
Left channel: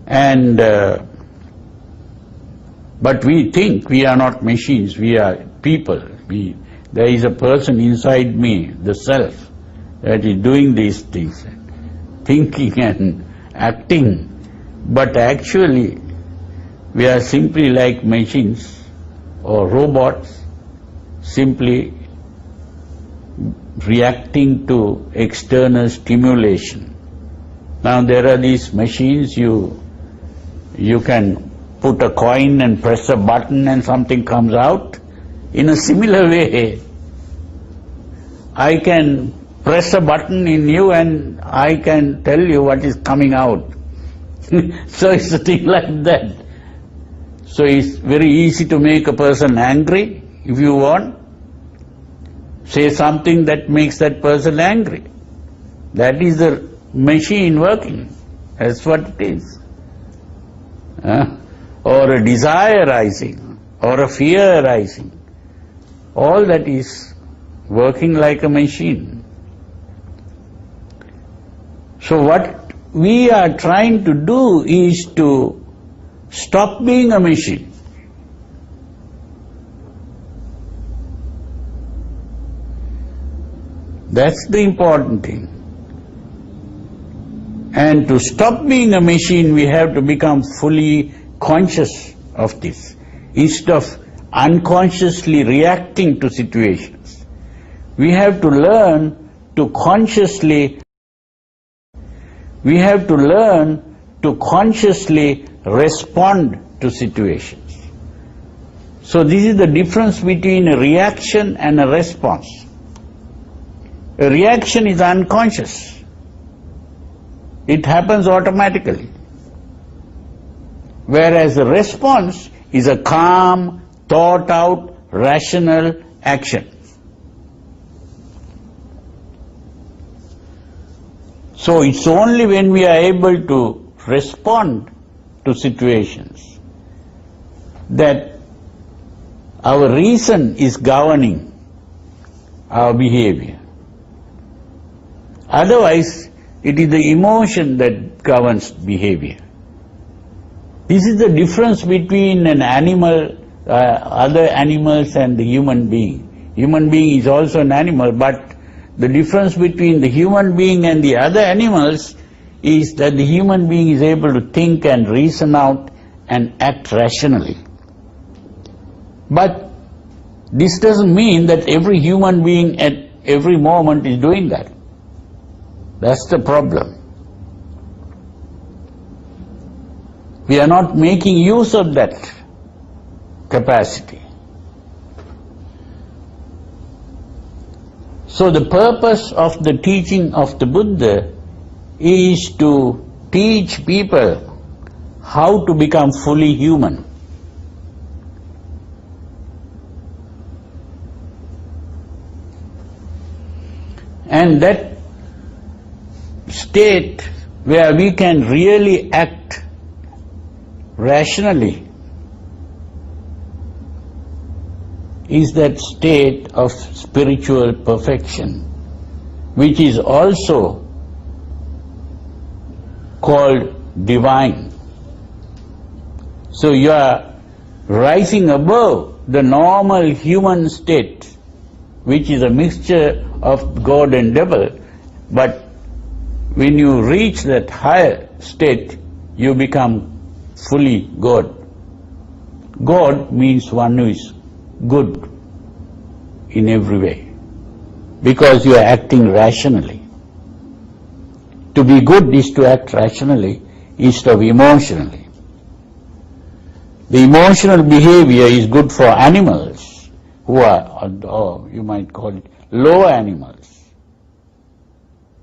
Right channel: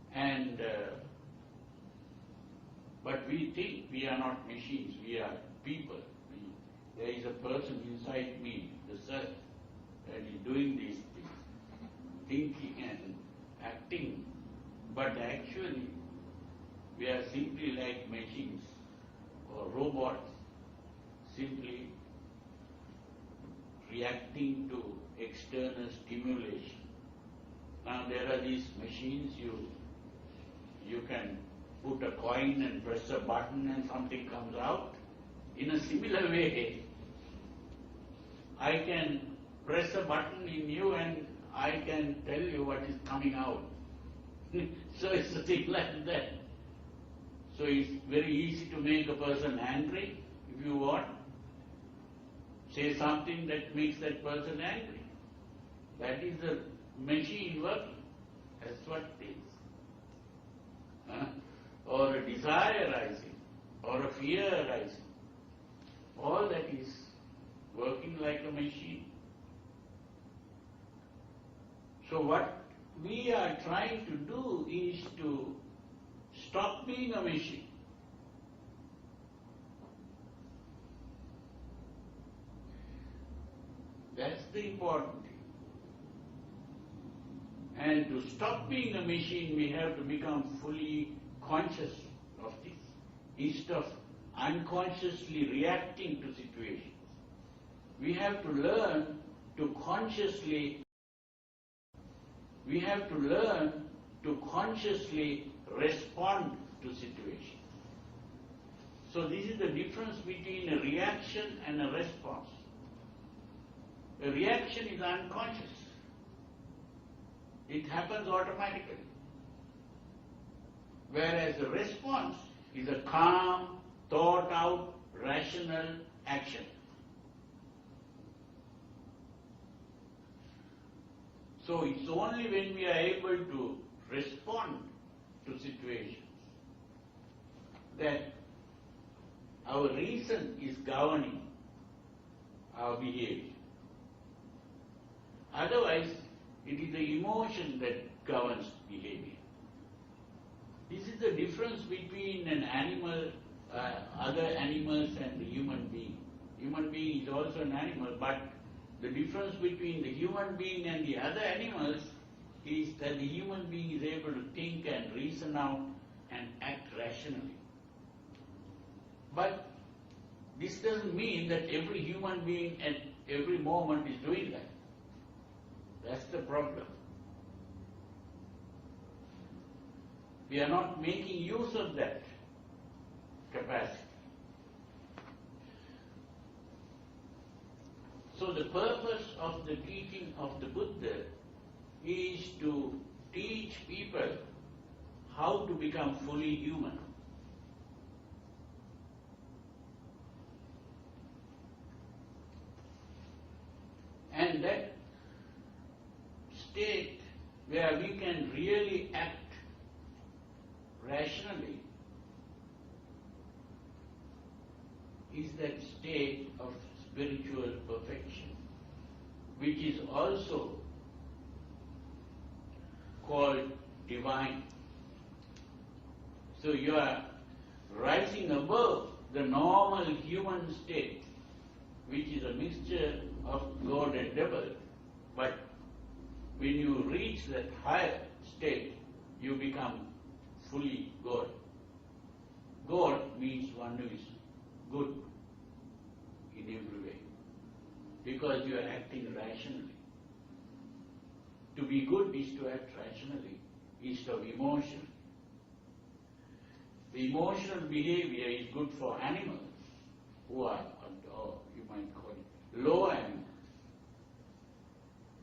And but we think we are not machines, we are people. There is a person inside me, the self, that is doing these things, thinking and acting. But actually, we are simply like machines or robots, simply reacting to external stimulation. Now there are these machines, you can put a coin and press a button and something comes out. In a similar way, I can press a button in you and I can tell you what is coming out. So it's a thing like that. So it's very easy to make a person angry if you want. Say something that makes that person angry. That is the machine working. That's what it is. Or a desire arising, or a fear arising. All that is working like a machine. So what we are trying to do is to stop being a machine. That's the important thing. And to stop being a machine, we have to become fully conscious of this, instead of unconsciously reacting to situations. We have to learn to consciously respond to situations. So this is the difference between a reaction and a response. A reaction is unconscious. It happens automatically. Whereas a response is a calm, thought out, rational action. So it's only when we are able to respond to situations that our reason is governing our behavior. Otherwise, it is the emotion that governs behavior. This is the difference between an animal, other animals and the human being. Human being is also an animal, but the difference between the human being and the other animals is that the human being is able to think and reason out and act rationally. But this doesn't mean that every human being at every moment is doing that. That's the problem. We are not making use of that capacity. So the purpose of the teaching of the Buddha is to teach people how to become fully human. And that state where we can really act rationally is that state of spiritual perfection, which is also called divine. So you are rising above the normal human state, which is a mixture of God and devil, but when you reach that higher state, you become fully God. God means one who is good in every way, because you are acting rationally. To be good is to act rationally instead of emotionally. The emotional behavior is good for animals who are, or you might call it, lower animals,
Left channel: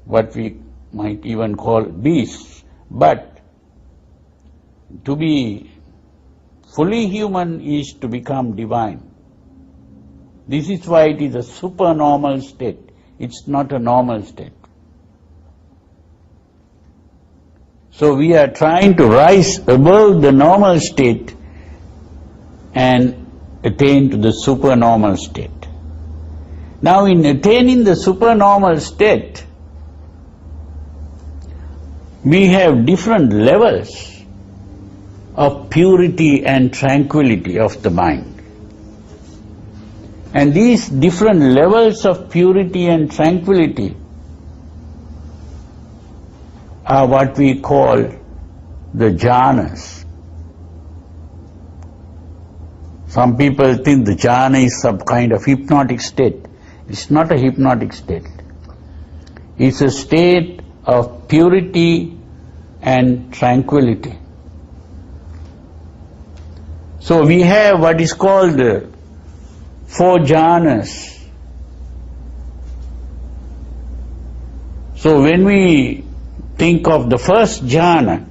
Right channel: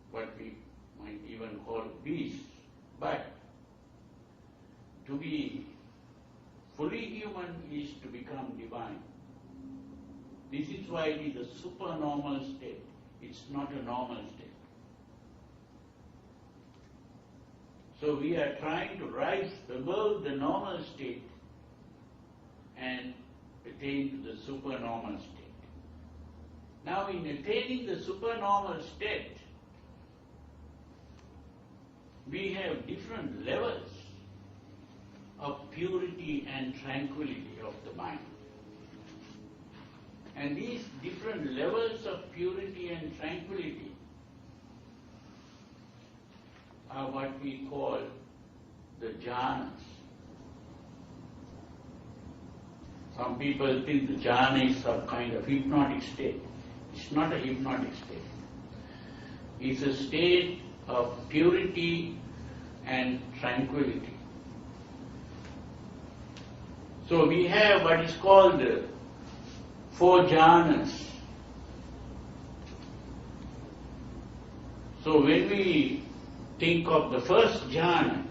what we might even call beasts. But to be fully human is to become divine. This is why it is a supernormal state. It's not a normal state. So we are trying to rise above the normal state and attain to the supernormal state. Now in attaining the supernormal state, we have different levels of purity and tranquility of the mind. And these different levels of purity and tranquility are what we call the jhanas. Some people think the jhana is some kind of hypnotic state. It's not a hypnotic state. It's a state of purity and tranquility. So we have what is called the 4 jhanas. So when we think of the first jhana,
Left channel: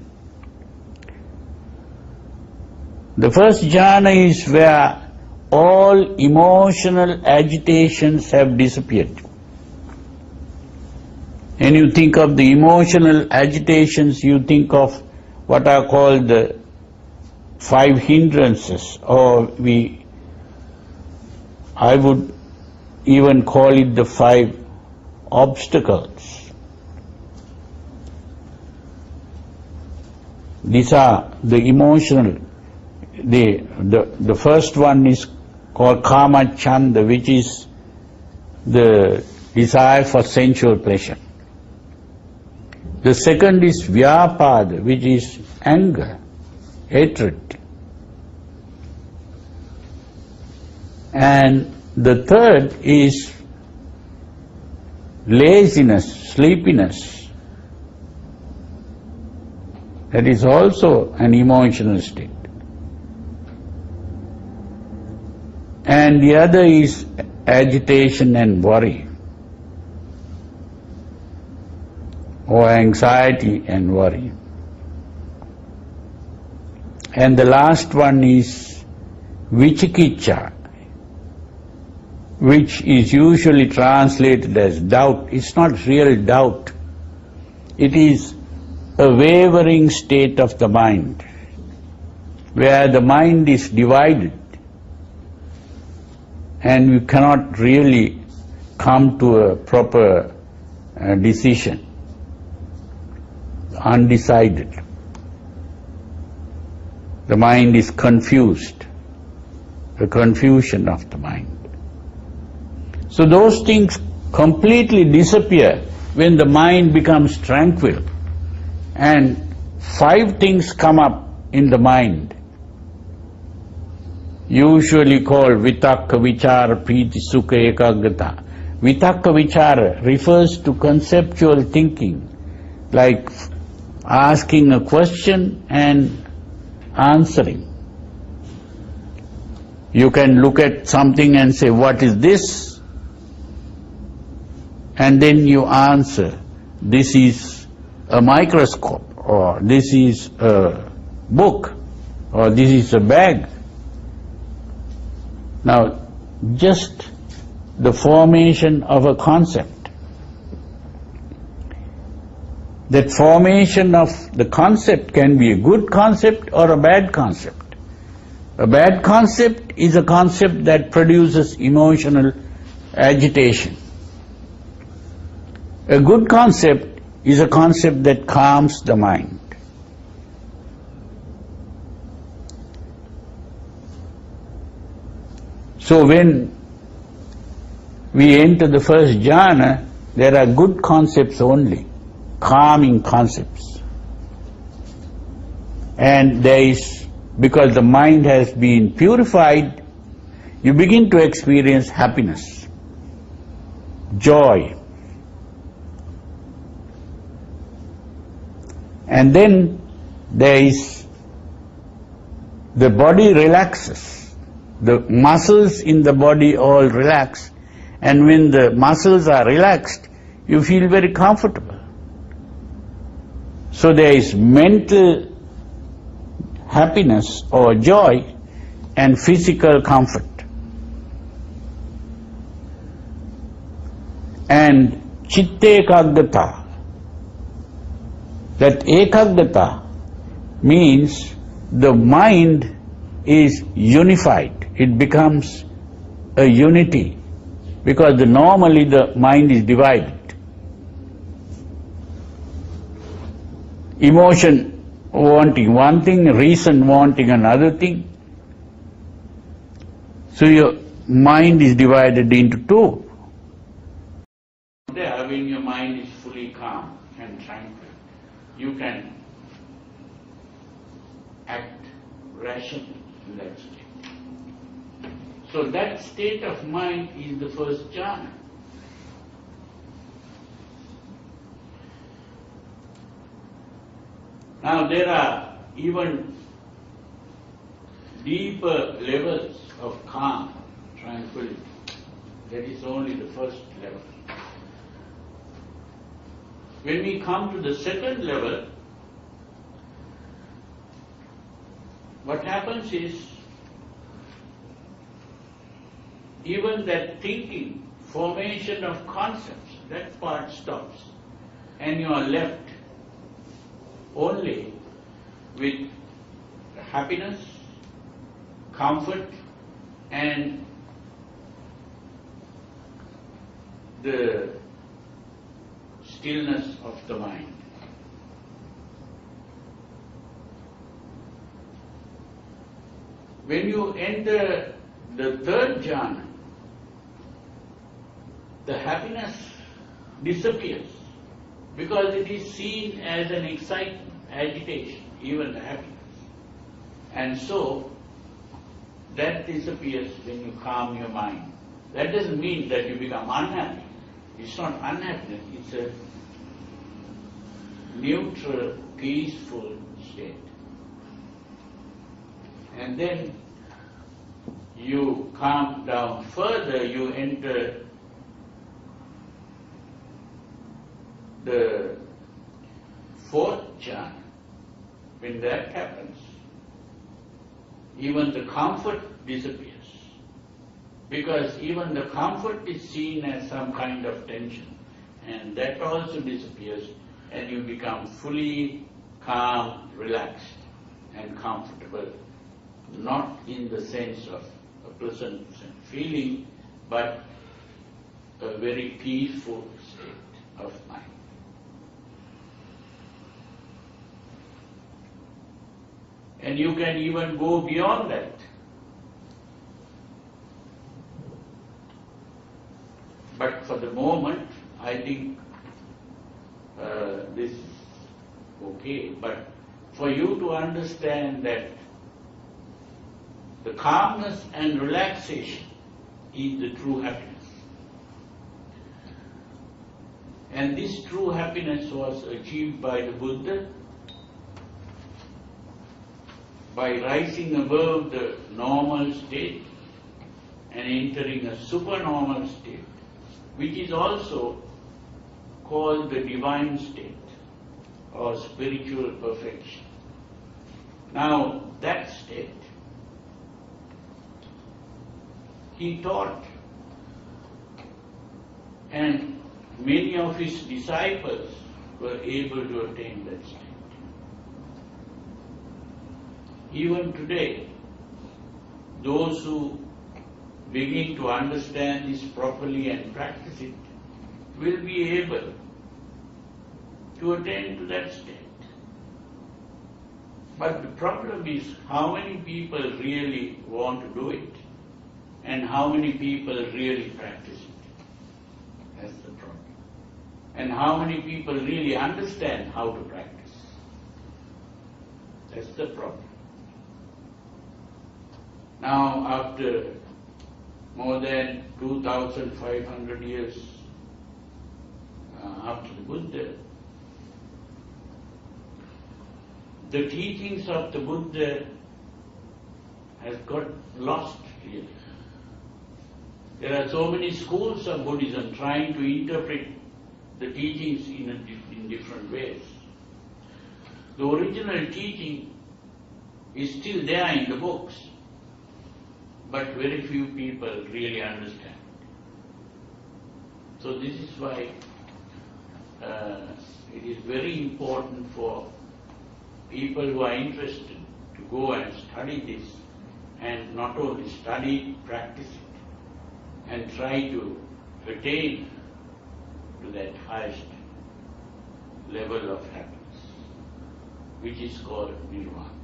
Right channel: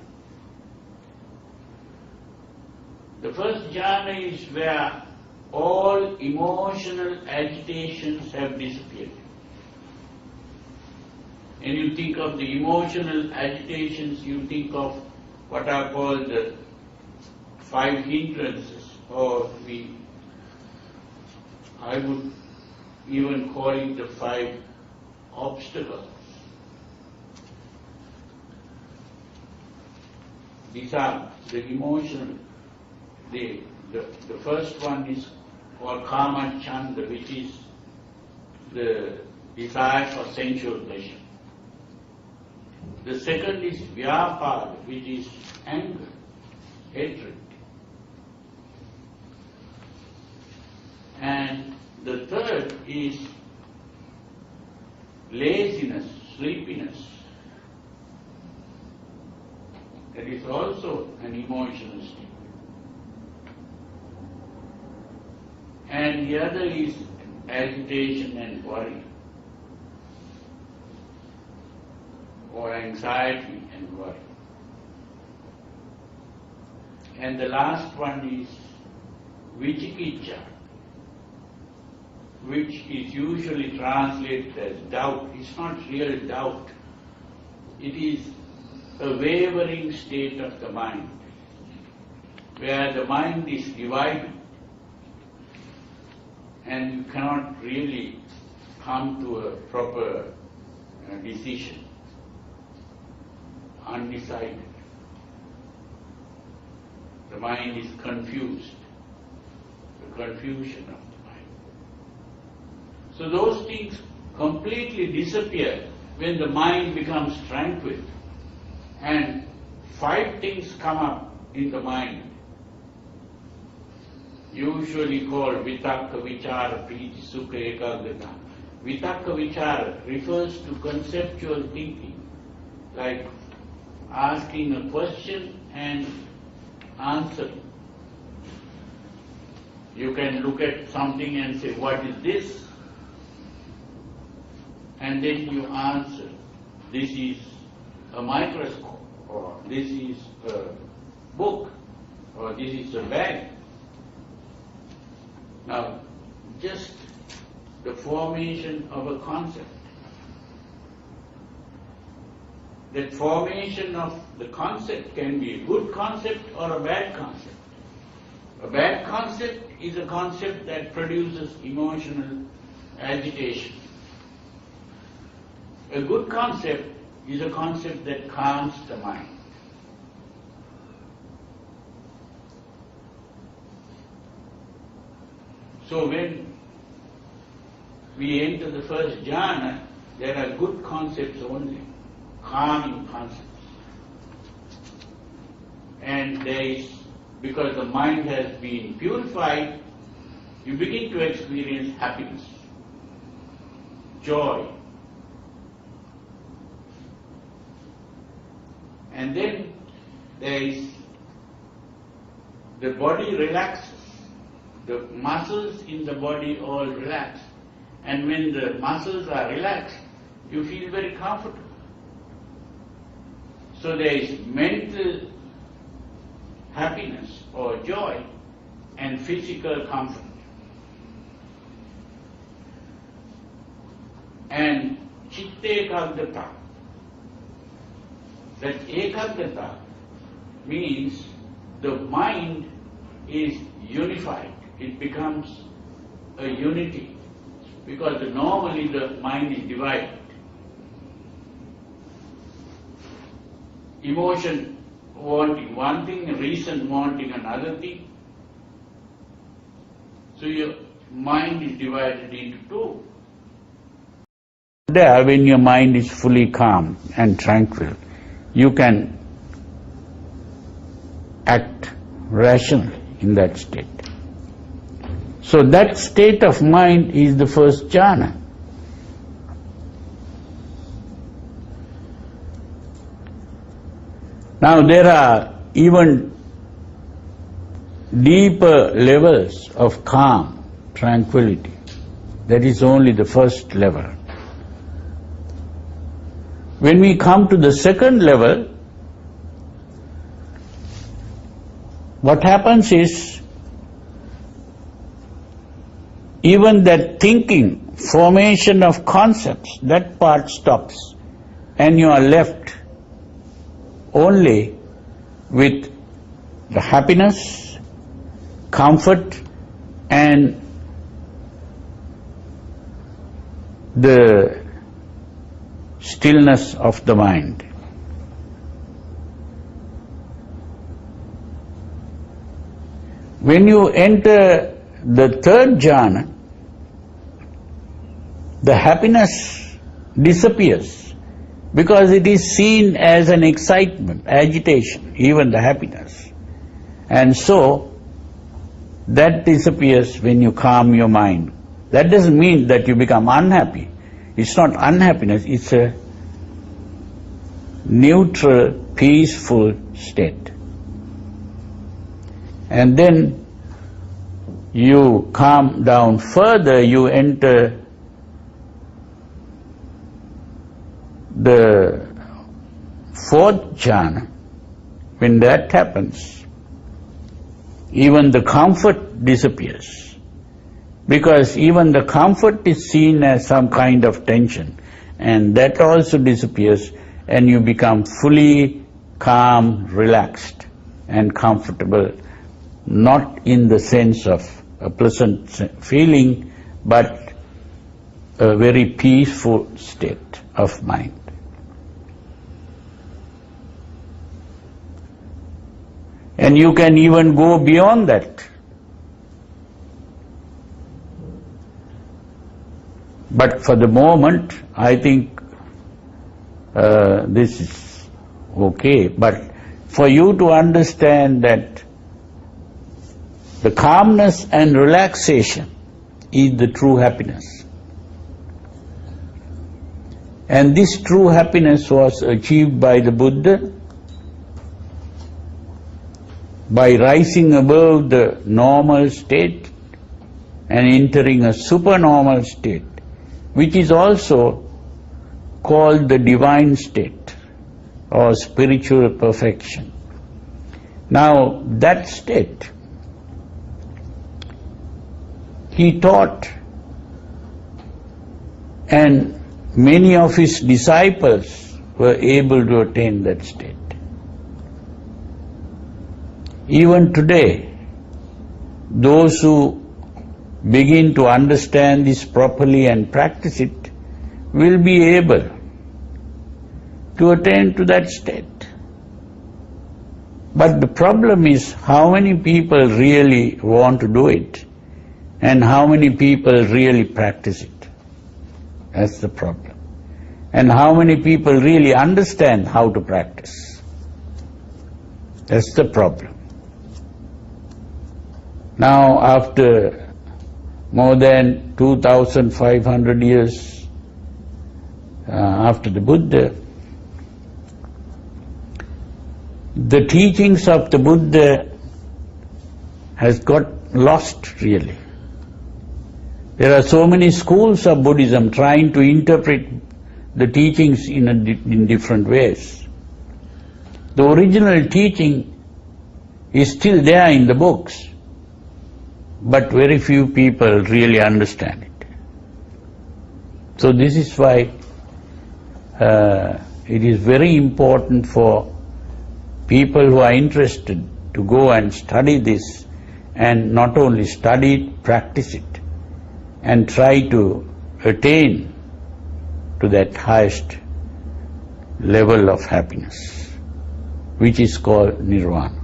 the first jhana is where all emotional agitations have disappeared. And you think of the emotional agitations, you think of what are called the 5 hindrances, or I would even call it the 5 obstacles. These are the emotional. The first one is called kama chanda, which is the desire for sensual pleasure. The second is vyapada, which is anger, hatred. And the third is laziness, sleepiness. That is also an emotional state. And the other is agitation and worry, or anxiety and worry. And the last one is vichikicha, which is usually translated as doubt. It's not real doubt. It is a wavering state of the mind, where the mind is divided and you cannot really come to a proper decision, undecided. The mind is confused, the confusion of the mind. So those things completely disappear when the mind becomes tranquil, and 5 things come up in the mind, usually called vitakka, vichara, priti, sukha, ekagrata. Vitakka vichara refers to conceptual thinking, like asking a question and answering. You can look at something and say, what is this? And then you answer, this is a microscope, or this is a book, or this is a bag. Now, just the formation of a concept. That formation of the concept can be a good concept or a bad concept. A bad concept is a concept that produces emotional agitation. A good concept is a concept that calms the mind. So when we enter the first jhana, there are good concepts only, calming concepts. And there is, because the mind has been purified, you begin to experience happiness, joy. And then there is, the body relaxes. The muscles in the body all relax, and when the muscles are relaxed, you feel very comfortable. So there is mental happiness or joy and physical comfort. And chitte ekagrata, that ekagrata means the mind is unified. It becomes a unity, because normally the mind is divided. Emotion wanting one thing, reason wanting another thing. So your mind is divided into 2. There, when your mind is fully calm and tranquil, you can act rationally in that state. So that state of mind is the first jhana. Now there are even deeper levels of calm, tranquility. That is only the first level. When we come to the second level, what happens is, even that thinking, formation of concepts, that part stops. and you are left only with the happiness, comfort, and the stillness of the mind. When you enter the third jhana, the happiness disappears because it is seen as an excitement, agitation, even the happiness. And so, that disappears when you calm your mind. That doesn't mean that you become unhappy. It's not unhappiness, it's a neutral, peaceful state. And then you calm down further, you enter the fourth jhana. When that happens, even the comfort disappears, because even the comfort is seen as some kind of tension, and that also disappears, and you become fully calm, relaxed, and comfortable, not in the sense of a pleasant feeling, but a very peaceful state of mind. And you can even go beyond that. But for the moment, I think this is okay. But for you to understand that the calmness and relaxation is the true happiness. And this true happiness was achieved by the Buddha by rising above the normal state and entering a supernormal state, which is also called the divine state or spiritual perfection. Now, that state, he taught, and many of his disciples were able to attain that state. Even today, those who begin to understand this properly and practice it will be able to attain to that state. But the problem is how many people really want to do it and how many people really practice it. That's the problem. And how many people really understand how to practice. That's the problem. Now, after more than 2,500 years after the Buddha, the teachings of the Buddha has got lost really. There are so many schools of Buddhism trying to interpret the teachings in different ways. The original teaching is still there in the books, but very few people really understand it. So this is why it is very important for people who are interested to go and study this, and not only study it, practice it, and try to attain to that highest level of happiness, which is called nirvana.